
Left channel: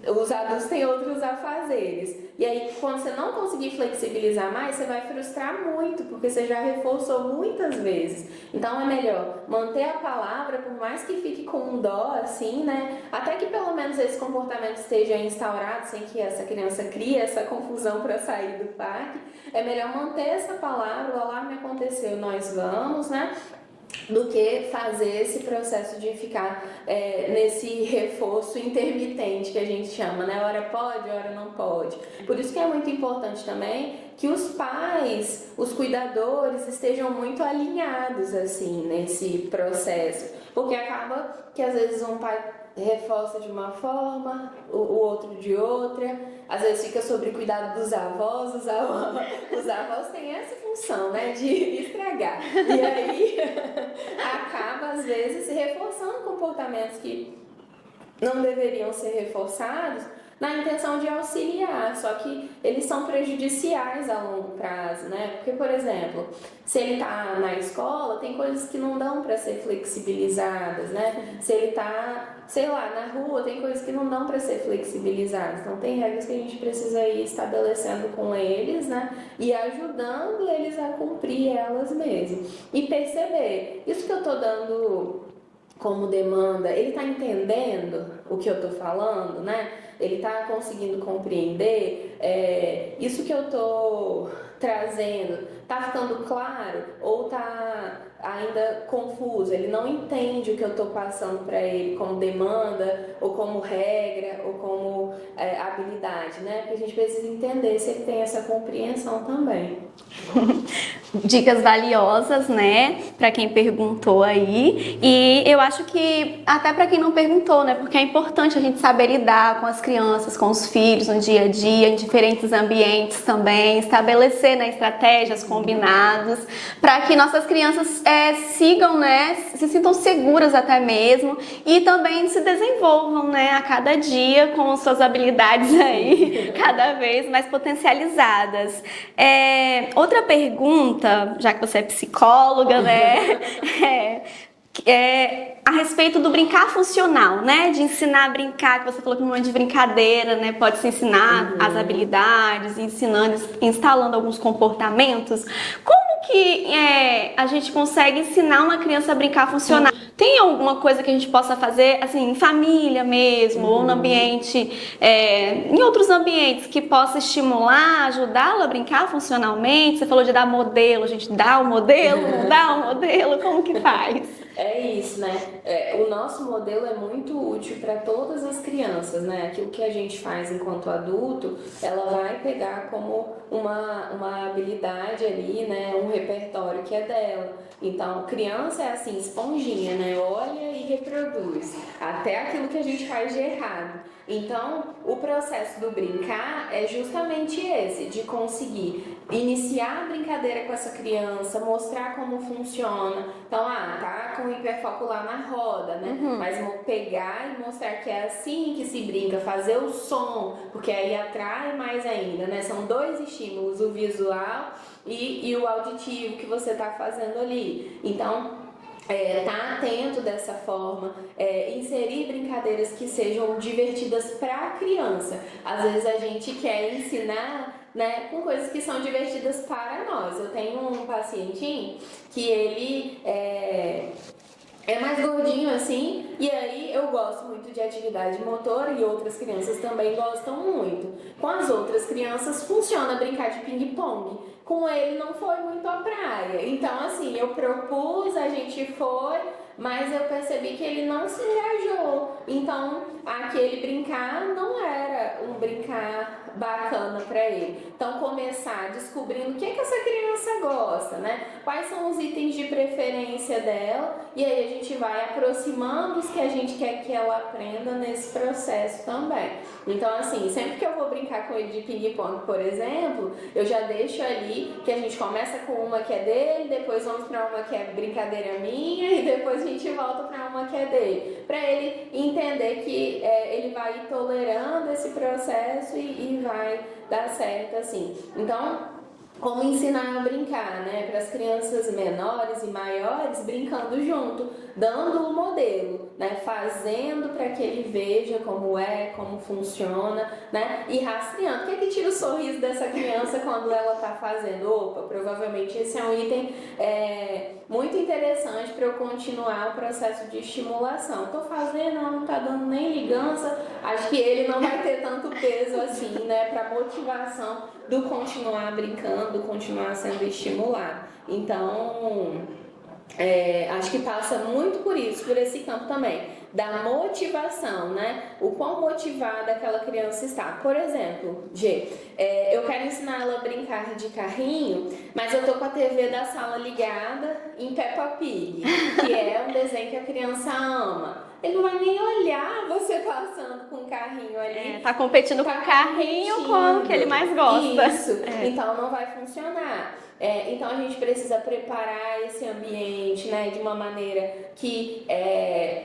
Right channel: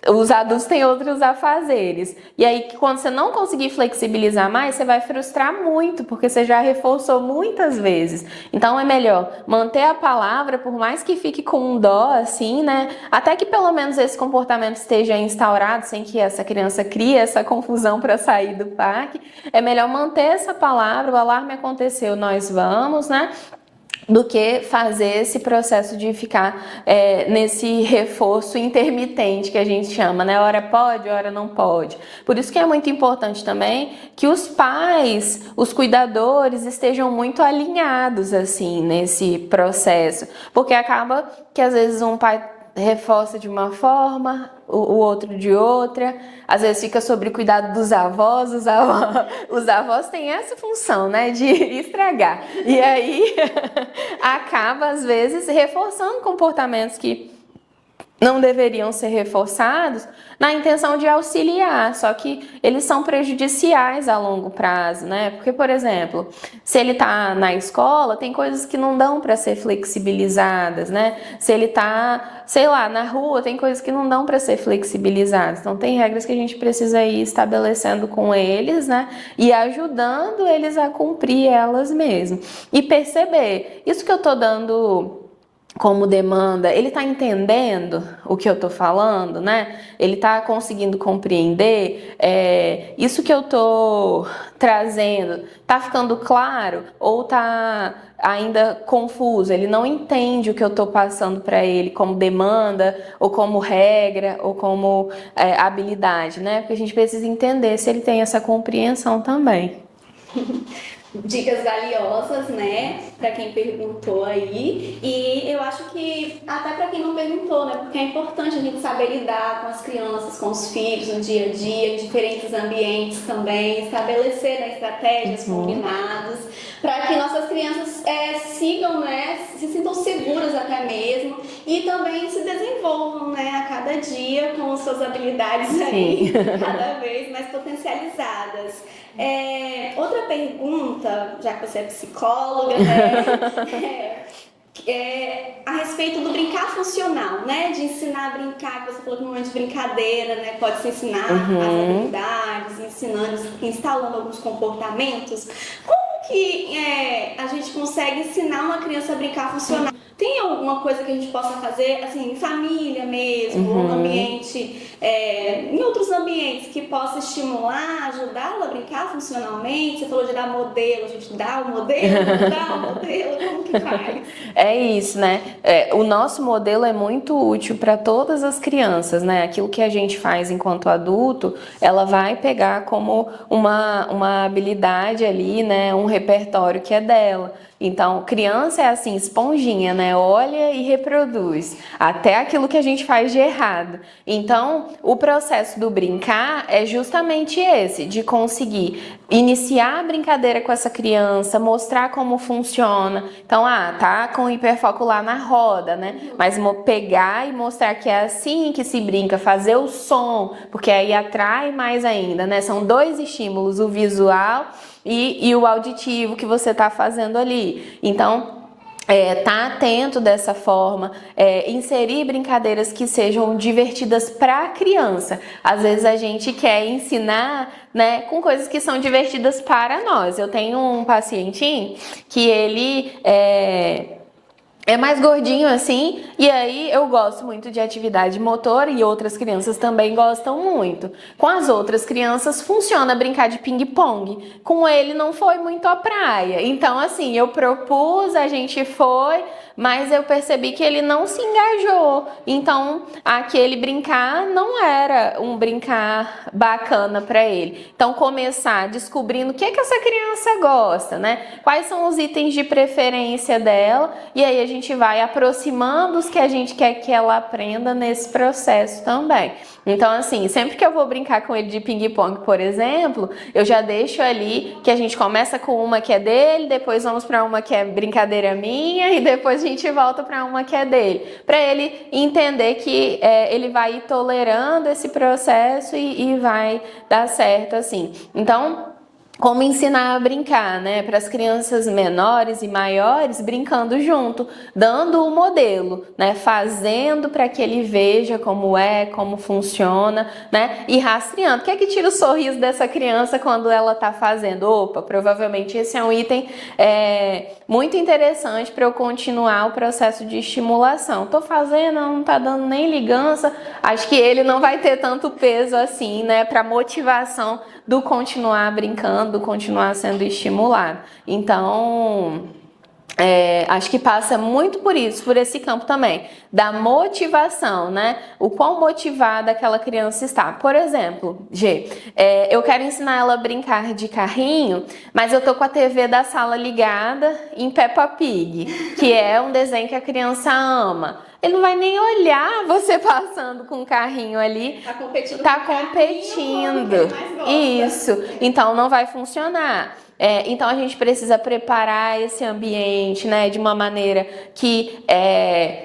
os adultos têm outros afazeres. E aí, quando você não conseguir flexibilizar mais, você vai frustrar muito, porque você já reforçou muitas vezes. Então, é melhor manter a palavra, por mais que fique com um dó, assim, né? Até que pelo menos esse comportamento esteja instaurado, sem que essa criança crie essa confusão para sair do parque. É melhor manter essa palavra, o alarme aconteceu, nós vamos, né? Do que fazer esse processo de ficar nesse reforço intermitente que a gente chama, né? Hora pode, hora não pode. Por isso que é muito importante também que os pais, os cuidadores estejam muito alinhados assim nesse processo, porque acaba que às vezes um pai reforça de uma forma, o outro de outra, às vezes fica sobre o cuidado dos avós, os avós têm essa função, né, de estragar, e aí acaba às vezes reforçando comportamentos que não deveriam ser reforçados na intenção de auxiliar, só que eles são prejudiciais a longo prazo, né? Porque, por exemplo, se ele tá na escola, tem coisas que não dão para ser flexibilizadas, né? Se ele tá, sei lá, na rua, tem coisas que não dão para ser flexibilizadas. Então, tem regras que a gente precisa ir estabelecendo com eles, né? E ajudando eles a cumprir elas mesmo. E perceber, isso que eu tô dando como demanda, ele está entendendo o que eu estou falando, né? Ele está conseguindo compreender isso que eu estou trazendo, está ficando claro ou está ainda confuso? Ele não entende o que eu estou passando para ele como demanda ou como regra ou como habilidade, né? Porque a gente precisa entender se ele tem essa compreensão também. Dicas valiosas, né, para quem perguntou aí. E eu acho que até para quem não perguntou, né, porque é importante a gente saber lidar com as crianças, com os filhos no dia a dia, em diferentes ambientes também, estabelecer, né, estratégias, combinados, para que nossas crianças sigam, né, se sintam seguras até mesmo e também se desenvolvam, né, a cada dia com suas habilidades aí, cada vez mais potencializadas. Outra pergunta, já que você é psicóloga, né? A respeito do brincar funcional, né? De ensinar a brincar, que você falou que não é de brincadeira, né? Pode se ensinar as habilidades, ensinando, instalando alguns comportamentos. Como que a gente consegue ensinar uma criança a brincar funcional? Tem alguma coisa que a gente possa fazer, assim, em família mesmo, ou no ambiente, em outros ambientes, que possa estimular, ajudá-la a brincar funcionalmente? Você falou de dar modelo, a gente dá o modelo, não dá o modelo, como que faz? É isso, né? O nosso modelo é muito útil para todas as crianças, né? Aquilo que a gente faz enquanto adulto, ela vai pegar como uma habilidade ali, né? Um repertório que é dela. Então, criança é assim, esponjinha, né? Olha e reproduz até aquilo que a gente faz de errado. Então, o processo do brincar é justamente esse, de conseguir iniciar a brincadeira com essa criança, mostrar como funciona. Então, tá com hiperfoco lá na roda, né? Mas pegar e mostrar que é assim que se brinca, fazer o som, porque aí atrai mais ainda, né? São dois estímulos, o visual e o auditivo que você está fazendo ali. Então, tá atento dessa forma, inserir brincadeiras que sejam divertidas para a criança. Às vezes a gente quer ensinar, né, com coisas que são divertidas para nós. Eu tenho um pacientinho que ele é mais gordinho assim, e aí eu gosto muito de atividade motora e outras crianças também gostam muito. Com as outras crianças funciona brincar de ping-pong. Com ele não foi muito a praia. Então assim, eu propus, a gente foi, mas eu percebi que ele não se engajou. Então, aquele brincar não era um brincar bacana para ele. Então, começar descobrindo o que essa criança gosta, né? Quais são os itens de preferência dela, e aí a gente vai aproximando os que a gente quer que ela aprenda nesse processo também. Então, assim, sempre que eu vou brincar com ele de ping-pong, por exemplo, eu já deixo ali que a gente começa com uma que é dele, depois vamos para uma que é brincadeira minha, e depois a gente volta para uma que é dele, para ele entender que ele vai ir tolerando esse processo e vai dar certo assim. Então, como ensinar a brincar, né? Para as crianças menores e maiores, brincando junto, dando o modelo, né? Fazendo para que ele veja como funciona, né? E rastreando. O que é que tira o sorriso dessa criança quando ela está fazendo? Opa, provavelmente esse é um item muito interessante para eu continuar o processo de estimulação. Tô fazendo, não tá dando nem ligança. Acho que ele não vai ter tanto peso assim, né? Para motivação do continuar brincando, do continuar sendo estimulado. Então, acho que passa muito por isso, por esse campo também, da motivação, né? O quão motivada aquela criança está. Por exemplo, eu quero ensinar ela a brincar de carrinho, mas eu tô com a TV da sala ligada em Peppa Pig, que é um desenho que a criança ama. Ele não vai nem olhar você passando com um carrinho ali. Tá competindo com o carrinho que ele mais gosta. Isso. Então não vai funcionar. Então a gente precisa preparar esse ambiente, né, de uma maneira que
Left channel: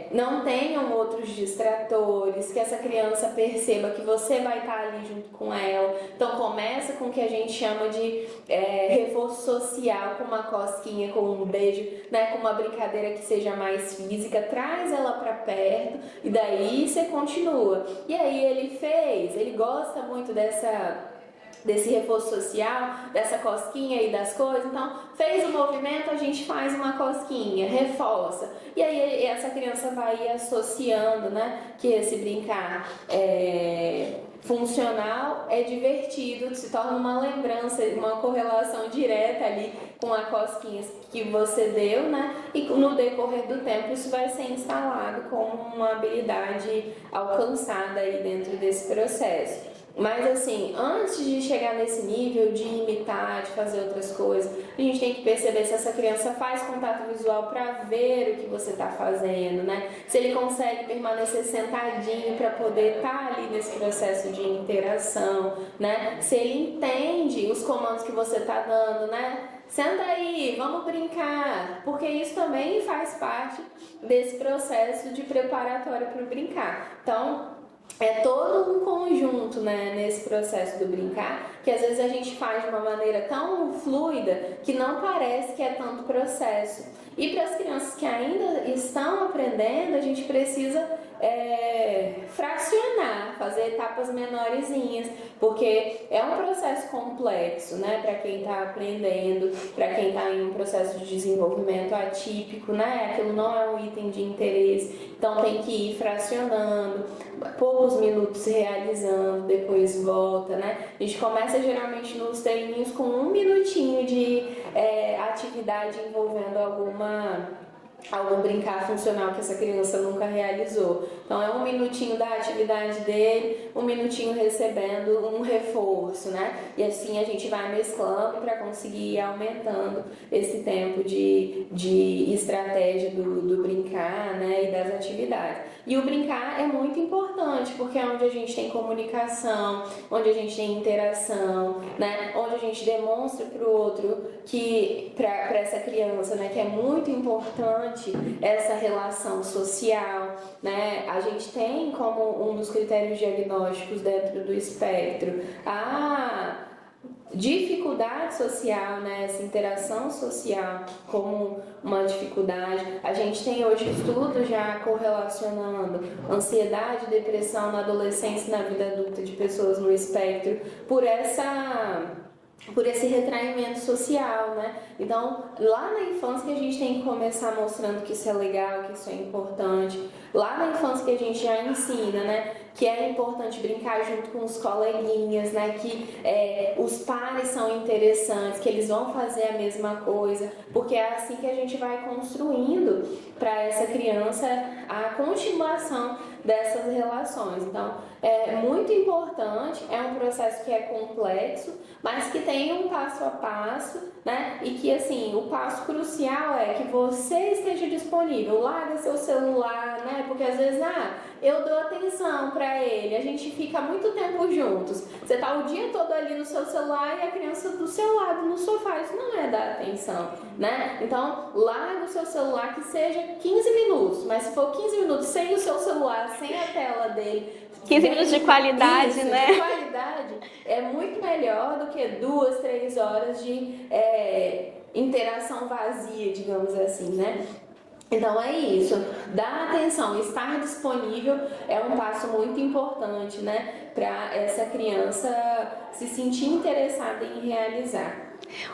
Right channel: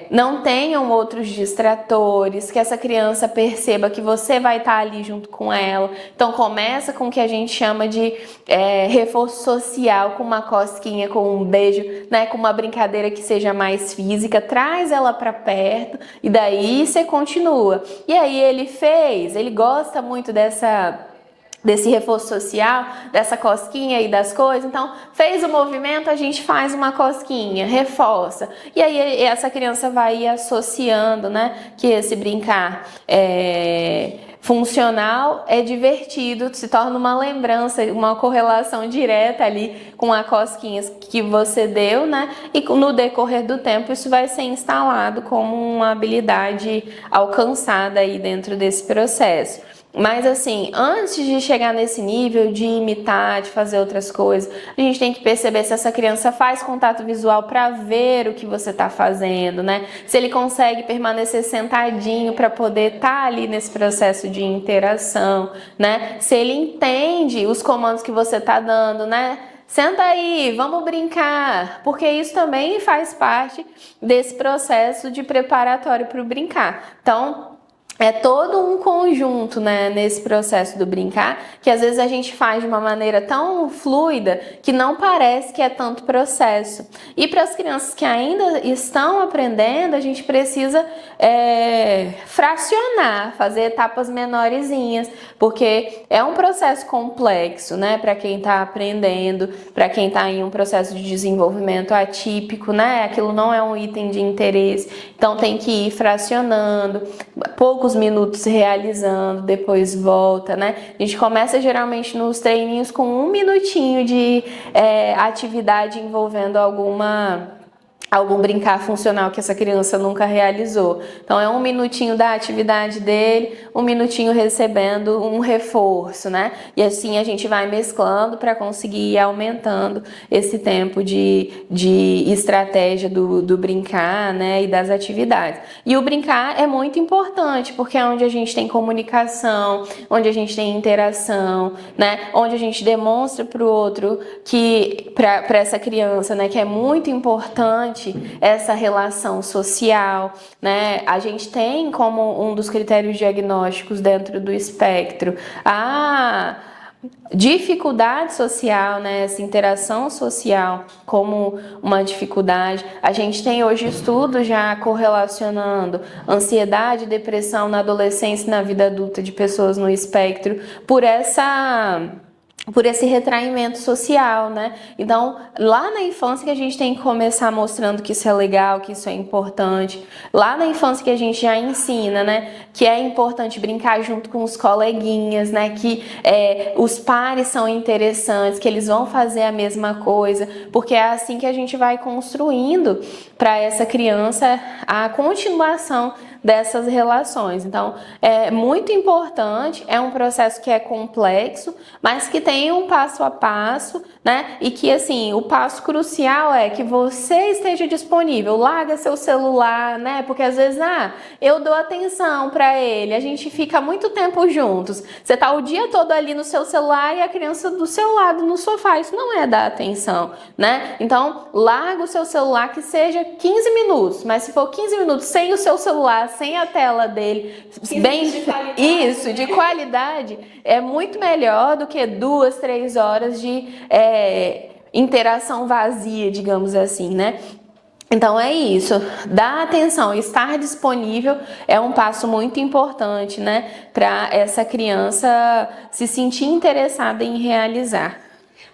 não tenham outros distratores, que essa criança perceba que você vai estar ali junto com ela. Então começa com o que a gente chama de reforço social, com uma cosquinha, com um beijo, né, com uma brincadeira que seja mais física, traz ela para perto e daí você continua. E aí ele gosta muito desse reforço social, dessa cosquinha e das coisas. Então, fez o movimento, a gente faz uma cosquinha, reforça. E aí essa criança vai ir associando, né, que esse brincar funcional é divertido, se torna uma lembrança, uma correlação direta ali com a cosquinha que você deu, né? E no decorrer do tempo isso vai ser instalado como uma habilidade alcançada aí dentro desse processo. Mas assim, antes de chegar nesse nível de imitar, de fazer outras coisas, a gente tem que perceber se essa criança faz contato visual para ver o que você está fazendo, né? Se ele consegue permanecer sentadinho para poder estar ali nesse processo de interação, né? Se ele entende os comandos que você está dando, né? Senta aí, vamos brincar, porque isso também faz parte desse processo de preparatório para o brincar. Então, é todo um conjunto, né, nesse processo do brincar, que às vezes a gente faz de uma maneira tão fluida que não parece que é tanto processo. E para as crianças que ainda estão aprendendo, a gente precisa fracionar, fazer etapas menorzinhas, porque é um processo complexo, né, para quem está aprendendo, para quem está em um processo de desenvolvimento atípico, né, aquilo não é um item de interesse, então tem que ir fracionando, poucos minutos realizando, depois volta, né? A gente começa geralmente nos treininhos com 1 minutinho de atividade envolvendo algum brincar funcional que essa criança nunca realizou. Então é 1 minutinho da atividade dele, 1 minutinho recebendo um reforço, né? E assim a gente vai mesclando para conseguir ir aumentando esse tempo de estratégia do brincar, né? E das atividades. E o brincar é muito importante, porque é onde a gente tem comunicação, onde a gente tem interação, né? Onde a gente demonstra para o outro que, para essa criança, né? Que é muito importante essa relação social, né? A gente tem como um dos critérios diagnósticos dentro do espectro a dificuldade social, né? Essa interação social como uma dificuldade. A gente tem hoje estudos já correlacionando ansiedade e depressão na adolescência e na vida adulta de pessoas no espectro por esse retraimento social, né? Então, lá na infância que a gente tem que começar mostrando que isso é legal, que isso é importante. Lá na infância que a gente já ensina, né? Que é importante brincar junto com os coleguinhas, né? Que os pares são interessantes, que eles vão fazer a mesma coisa, porque é assim que a gente vai construindo para essa criança a continuação dessas relações. Então, é muito importante, é um processo que é complexo, mas que tem um passo a passo, né? E que, assim, o passo crucial é que você esteja disponível, larga seu celular, né? Porque às vezes, eu dou atenção para ele, a gente fica muito tempo juntos. Você tá o dia todo ali no seu celular e a criança do seu lado no sofá, isso não é dar atenção, né? Então, larga o seu celular, que seja 15 minutos, mas se for 15 minutos sem o seu celular, sem a tela dele, 15 minutos de qualidade, isso, né? de qualidade, é muito melhor do que 2, 3 horas de interação vazia, digamos assim, né? Então é isso, dar atenção, estar disponível é um passo muito importante, né, para essa criança se sentir interessada em realizar.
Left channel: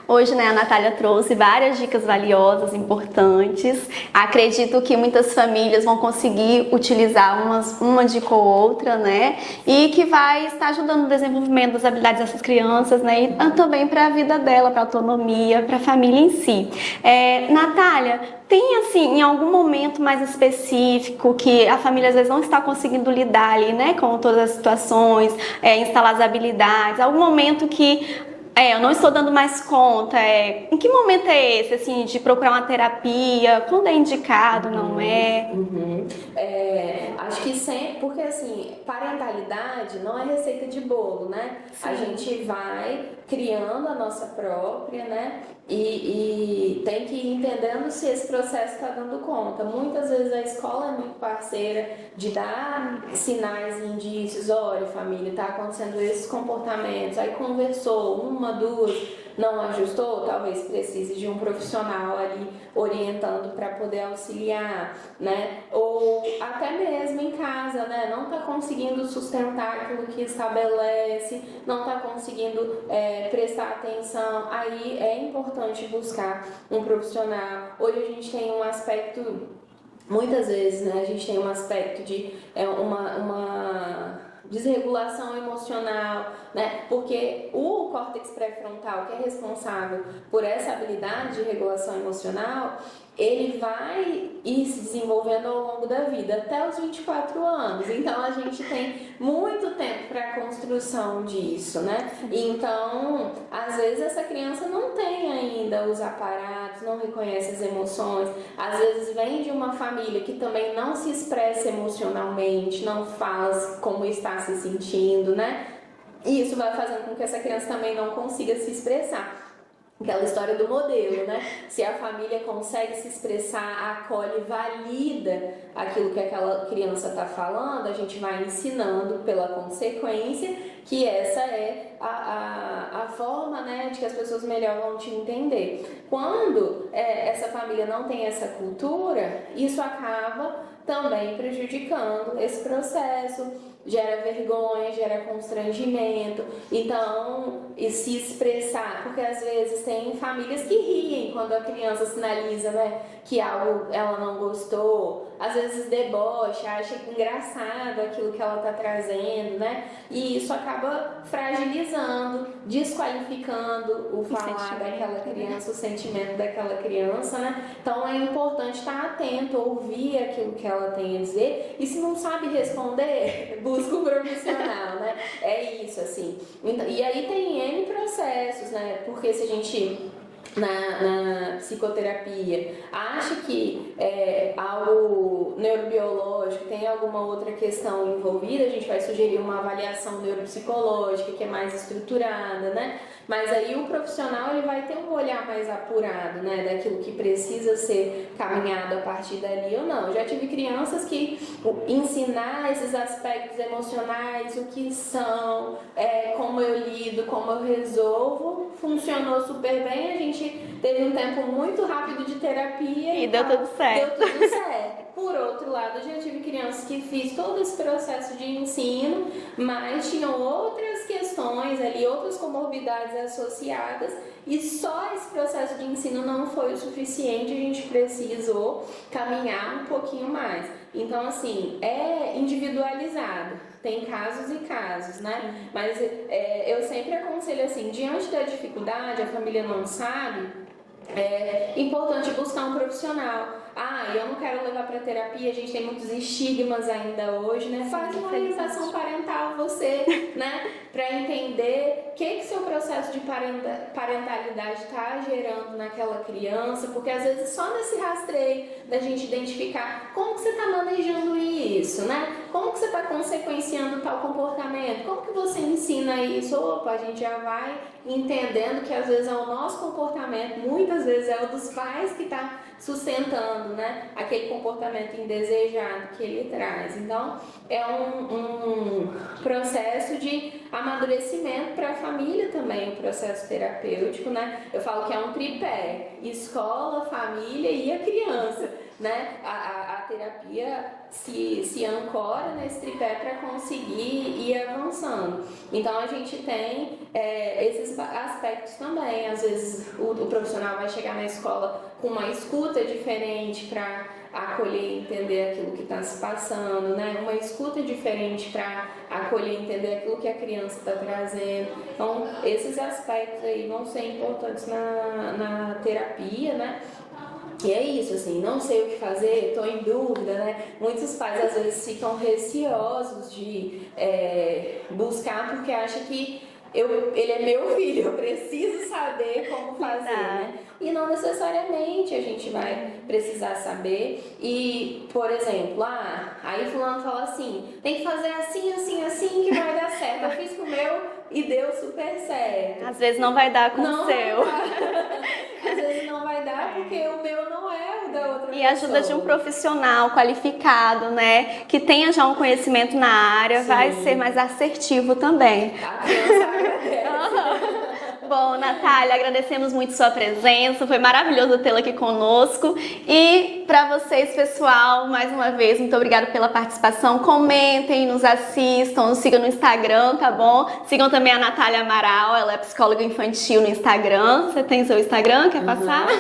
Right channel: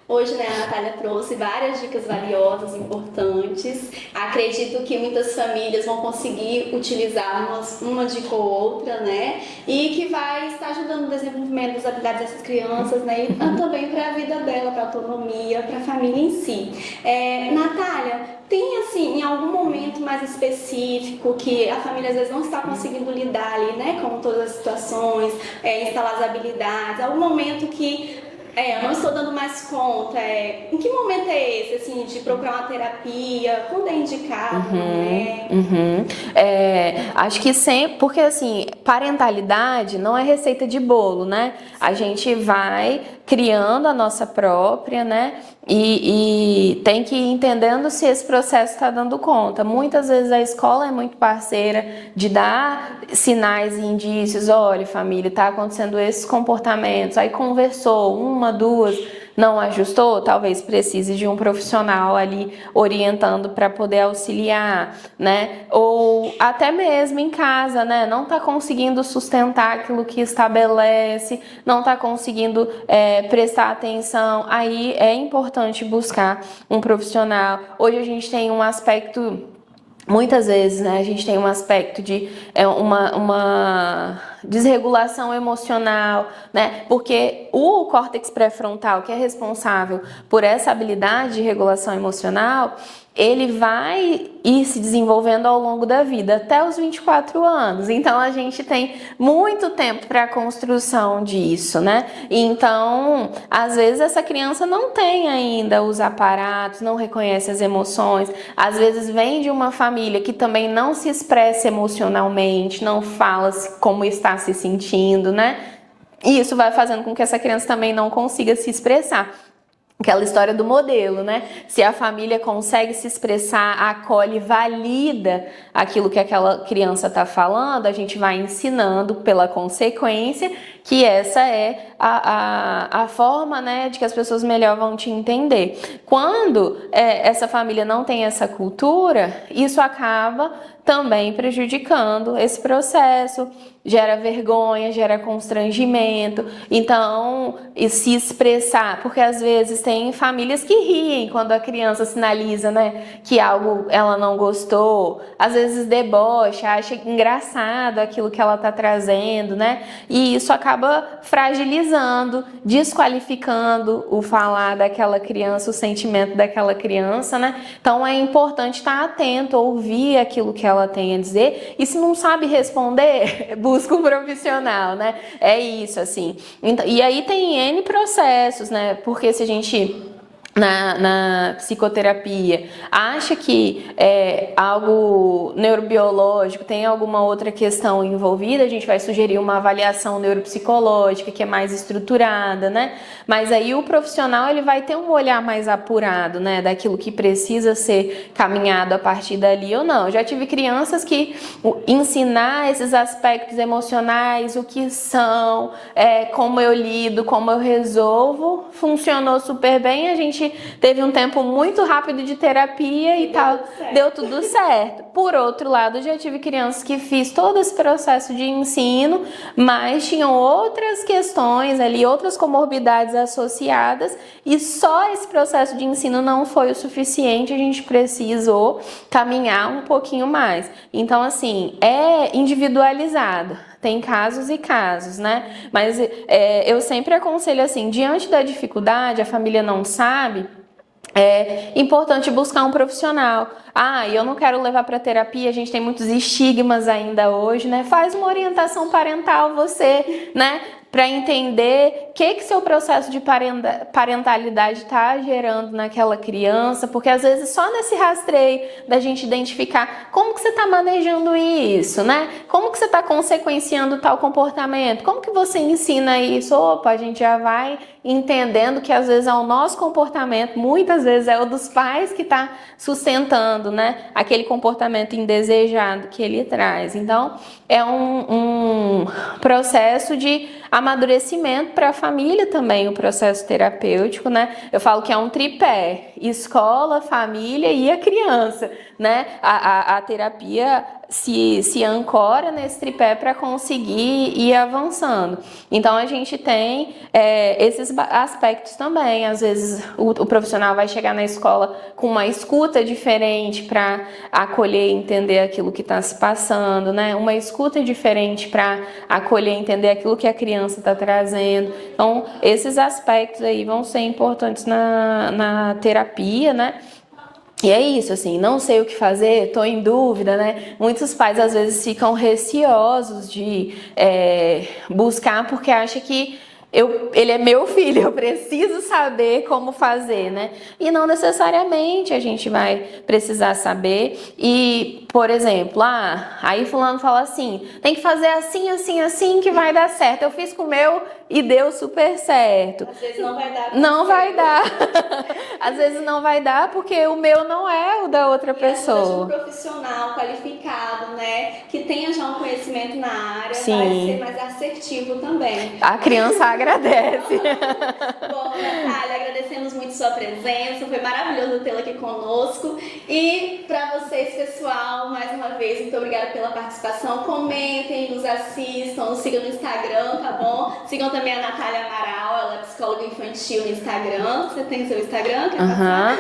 Hoje, né, a Natália trouxe várias dicas valiosas, importantes. Acredito que muitas famílias vão conseguir utilizar uma dica ou outra, né? E que vai estar ajudando no desenvolvimento das habilidades dessas crianças, né? E também para a vida dela, para a autonomia, para a família em si. Natália, tem assim, em algum momento mais específico que a família às vezes não está conseguindo lidar ali, né, com todas as situações, instalar as habilidades, algum momento que eu não estou dando mais conta. Em que momento é esse, assim, de procurar uma terapia? Quando é indicado, não é? Acho que sempre, porque assim, parentalidade não é receita de bolo, né? Sim. A gente vai criando a nossa própria, né? E tem que ir entendendo se esse processo está dando conta. Muitas vezes a escola é muito parceira de dar sinais e indícios. Olha, família, está acontecendo esses comportamentos. Aí conversou, 1, 2, não ajustou, talvez precise de um profissional ali orientando para poder auxiliar, né? Ou até mesmo em casa, né? Não está conseguindo sustentar aquilo que estabelece, não está conseguindo prestar atenção. Aí é importante buscar um profissional. Hoje a gente tem um aspecto, muitas vezes, né? A gente tem um aspecto de uma desregulação emocional, né? Porque o córtex pré-frontal, que é responsável por essa habilidade de regulação emocional, ele vai ir se desenvolvendo ao longo da vida, até os 24 anos. Então, a gente tem muito tempo para a construção disso, né? Então, às vezes, essa criança não tem ainda os aparatos, não reconhece as emoções. Às vezes, vem de uma família que também não se expressa emocionalmente, não fala como está se sentindo, né? E isso vai fazendo com que essa criança também não consiga se expressar. Aquela história do modelo, né? Se a família consegue se expressar, acolhe, valida aquilo que aquela criança está falando, a gente vai ensinando pela consequência que essa é a forma, né, de que as pessoas melhor vão te entender. Quando essa família não tem essa cultura, isso acaba também prejudicando esse processo, gera vergonha, gera constrangimento. Então, e se expressar, porque às vezes tem famílias que riem quando a criança sinaliza, né, que algo ela não gostou, às vezes debocha, acha engraçado aquilo que ela está trazendo, né, e isso acaba fragilizando, desqualificando o falar daquela criança, o sentimento daquela criança, né. Então é importante estar atento, ouvir aquilo que ela tem a dizer, e se não sabe responder, busca um profissional, né? É isso, assim. Então, e aí tem N processos, né? Porque se a gente na psicoterapia acha que é algo neurobiológico, tem alguma outra questão envolvida, a gente vai sugerir uma avaliação neuropsicológica que é mais estruturada, né? Mas aí o profissional ele vai ter um olhar mais apurado, né? Daquilo que precisa ser caminhado a partir dali ou não. Eu já tive crianças que ensinar esses aspectos emocionais, o que são, como eu lido, como eu resolvo, funcionou super bem. A gente teve um tempo muito rápido de terapia e tal, deu tudo certo. Por outro lado, já tive crianças que fiz todo esse processo de ensino, mas tinham outras questões ali, outras comorbidades associadas, e só esse processo de ensino não foi o suficiente, a gente precisou caminhar um pouquinho mais. Então, assim, é individualizado. Tem casos e casos, né? Mas eu sempre aconselho assim, diante da dificuldade, a família não sabe, é importante buscar um profissional. Eu não quero levar para terapia, a gente tem muitos estigmas ainda hoje, né? Faz uma orientação parental você, né? Para entender o que seu processo de parentalidade está gerando naquela criança, porque às vezes só nesse rastreio da gente identificar como que você está manejando isso, né? Como que você está consequenciando tal comportamento, como que você ensina isso, a gente já vai entendendo que às vezes é o nosso comportamento, muitas vezes é o dos pais que está sustentando, né, aquele comportamento indesejado que ele traz. Então, é um processo de amadurecimento para a família também, o processo terapêutico, né? Eu falo que é um tripé: escola, família e a criança, né? A terapia se ancora nesse tripé para conseguir ir avançando. Então a gente tem esses aspectos também. Às vezes o profissional vai chegar na escola com uma escuta diferente para acolher e entender aquilo que está se passando, né? Uma escuta diferente para acolher e entender aquilo que a criança está trazendo. Então esses aspectos aí vão ser importantes na terapia, né? E é isso, assim, não sei o que fazer, tô em dúvida, né? Muitos pais às vezes ficam receosos de buscar porque acham que ele é meu filho, eu preciso saber como fazer, né? E não necessariamente a gente vai precisar saber. E, por exemplo, aí fulano fala assim, tem que fazer assim, assim, assim que vai dar certo. Eu fiz com o meu e deu super certo. Às vezes não vai dar com Não o seu. vai dar. Às vezes não vai dar porque o meu não é o da outra pessoa. E ajuda de um profissional qualificado, né? Que tenha já um conhecimento na área, Sim. Vai ser mais assertivo também. A criança agradece. Bom, Natália, agradecemos muito sua presença, foi maravilhoso tê-la aqui conosco. E para vocês, pessoal, mais uma vez, muito obrigada pela participação. Comentem, nos assistam, nos sigam no Instagram, tá bom? Sigam também a Natália Amaral, ela é psicóloga infantil no Instagram. Você tem seu Instagram, quer passar?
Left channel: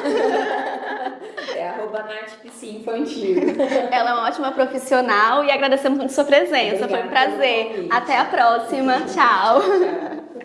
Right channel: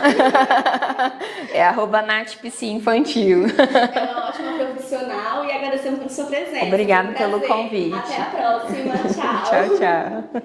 É @natpsiinfantil. Ela é uma ótima profissional e agradecemos muito sua presença. Obrigada foi um prazer. pelo convite. Até a próxima. Tchau. Tchau, tchau.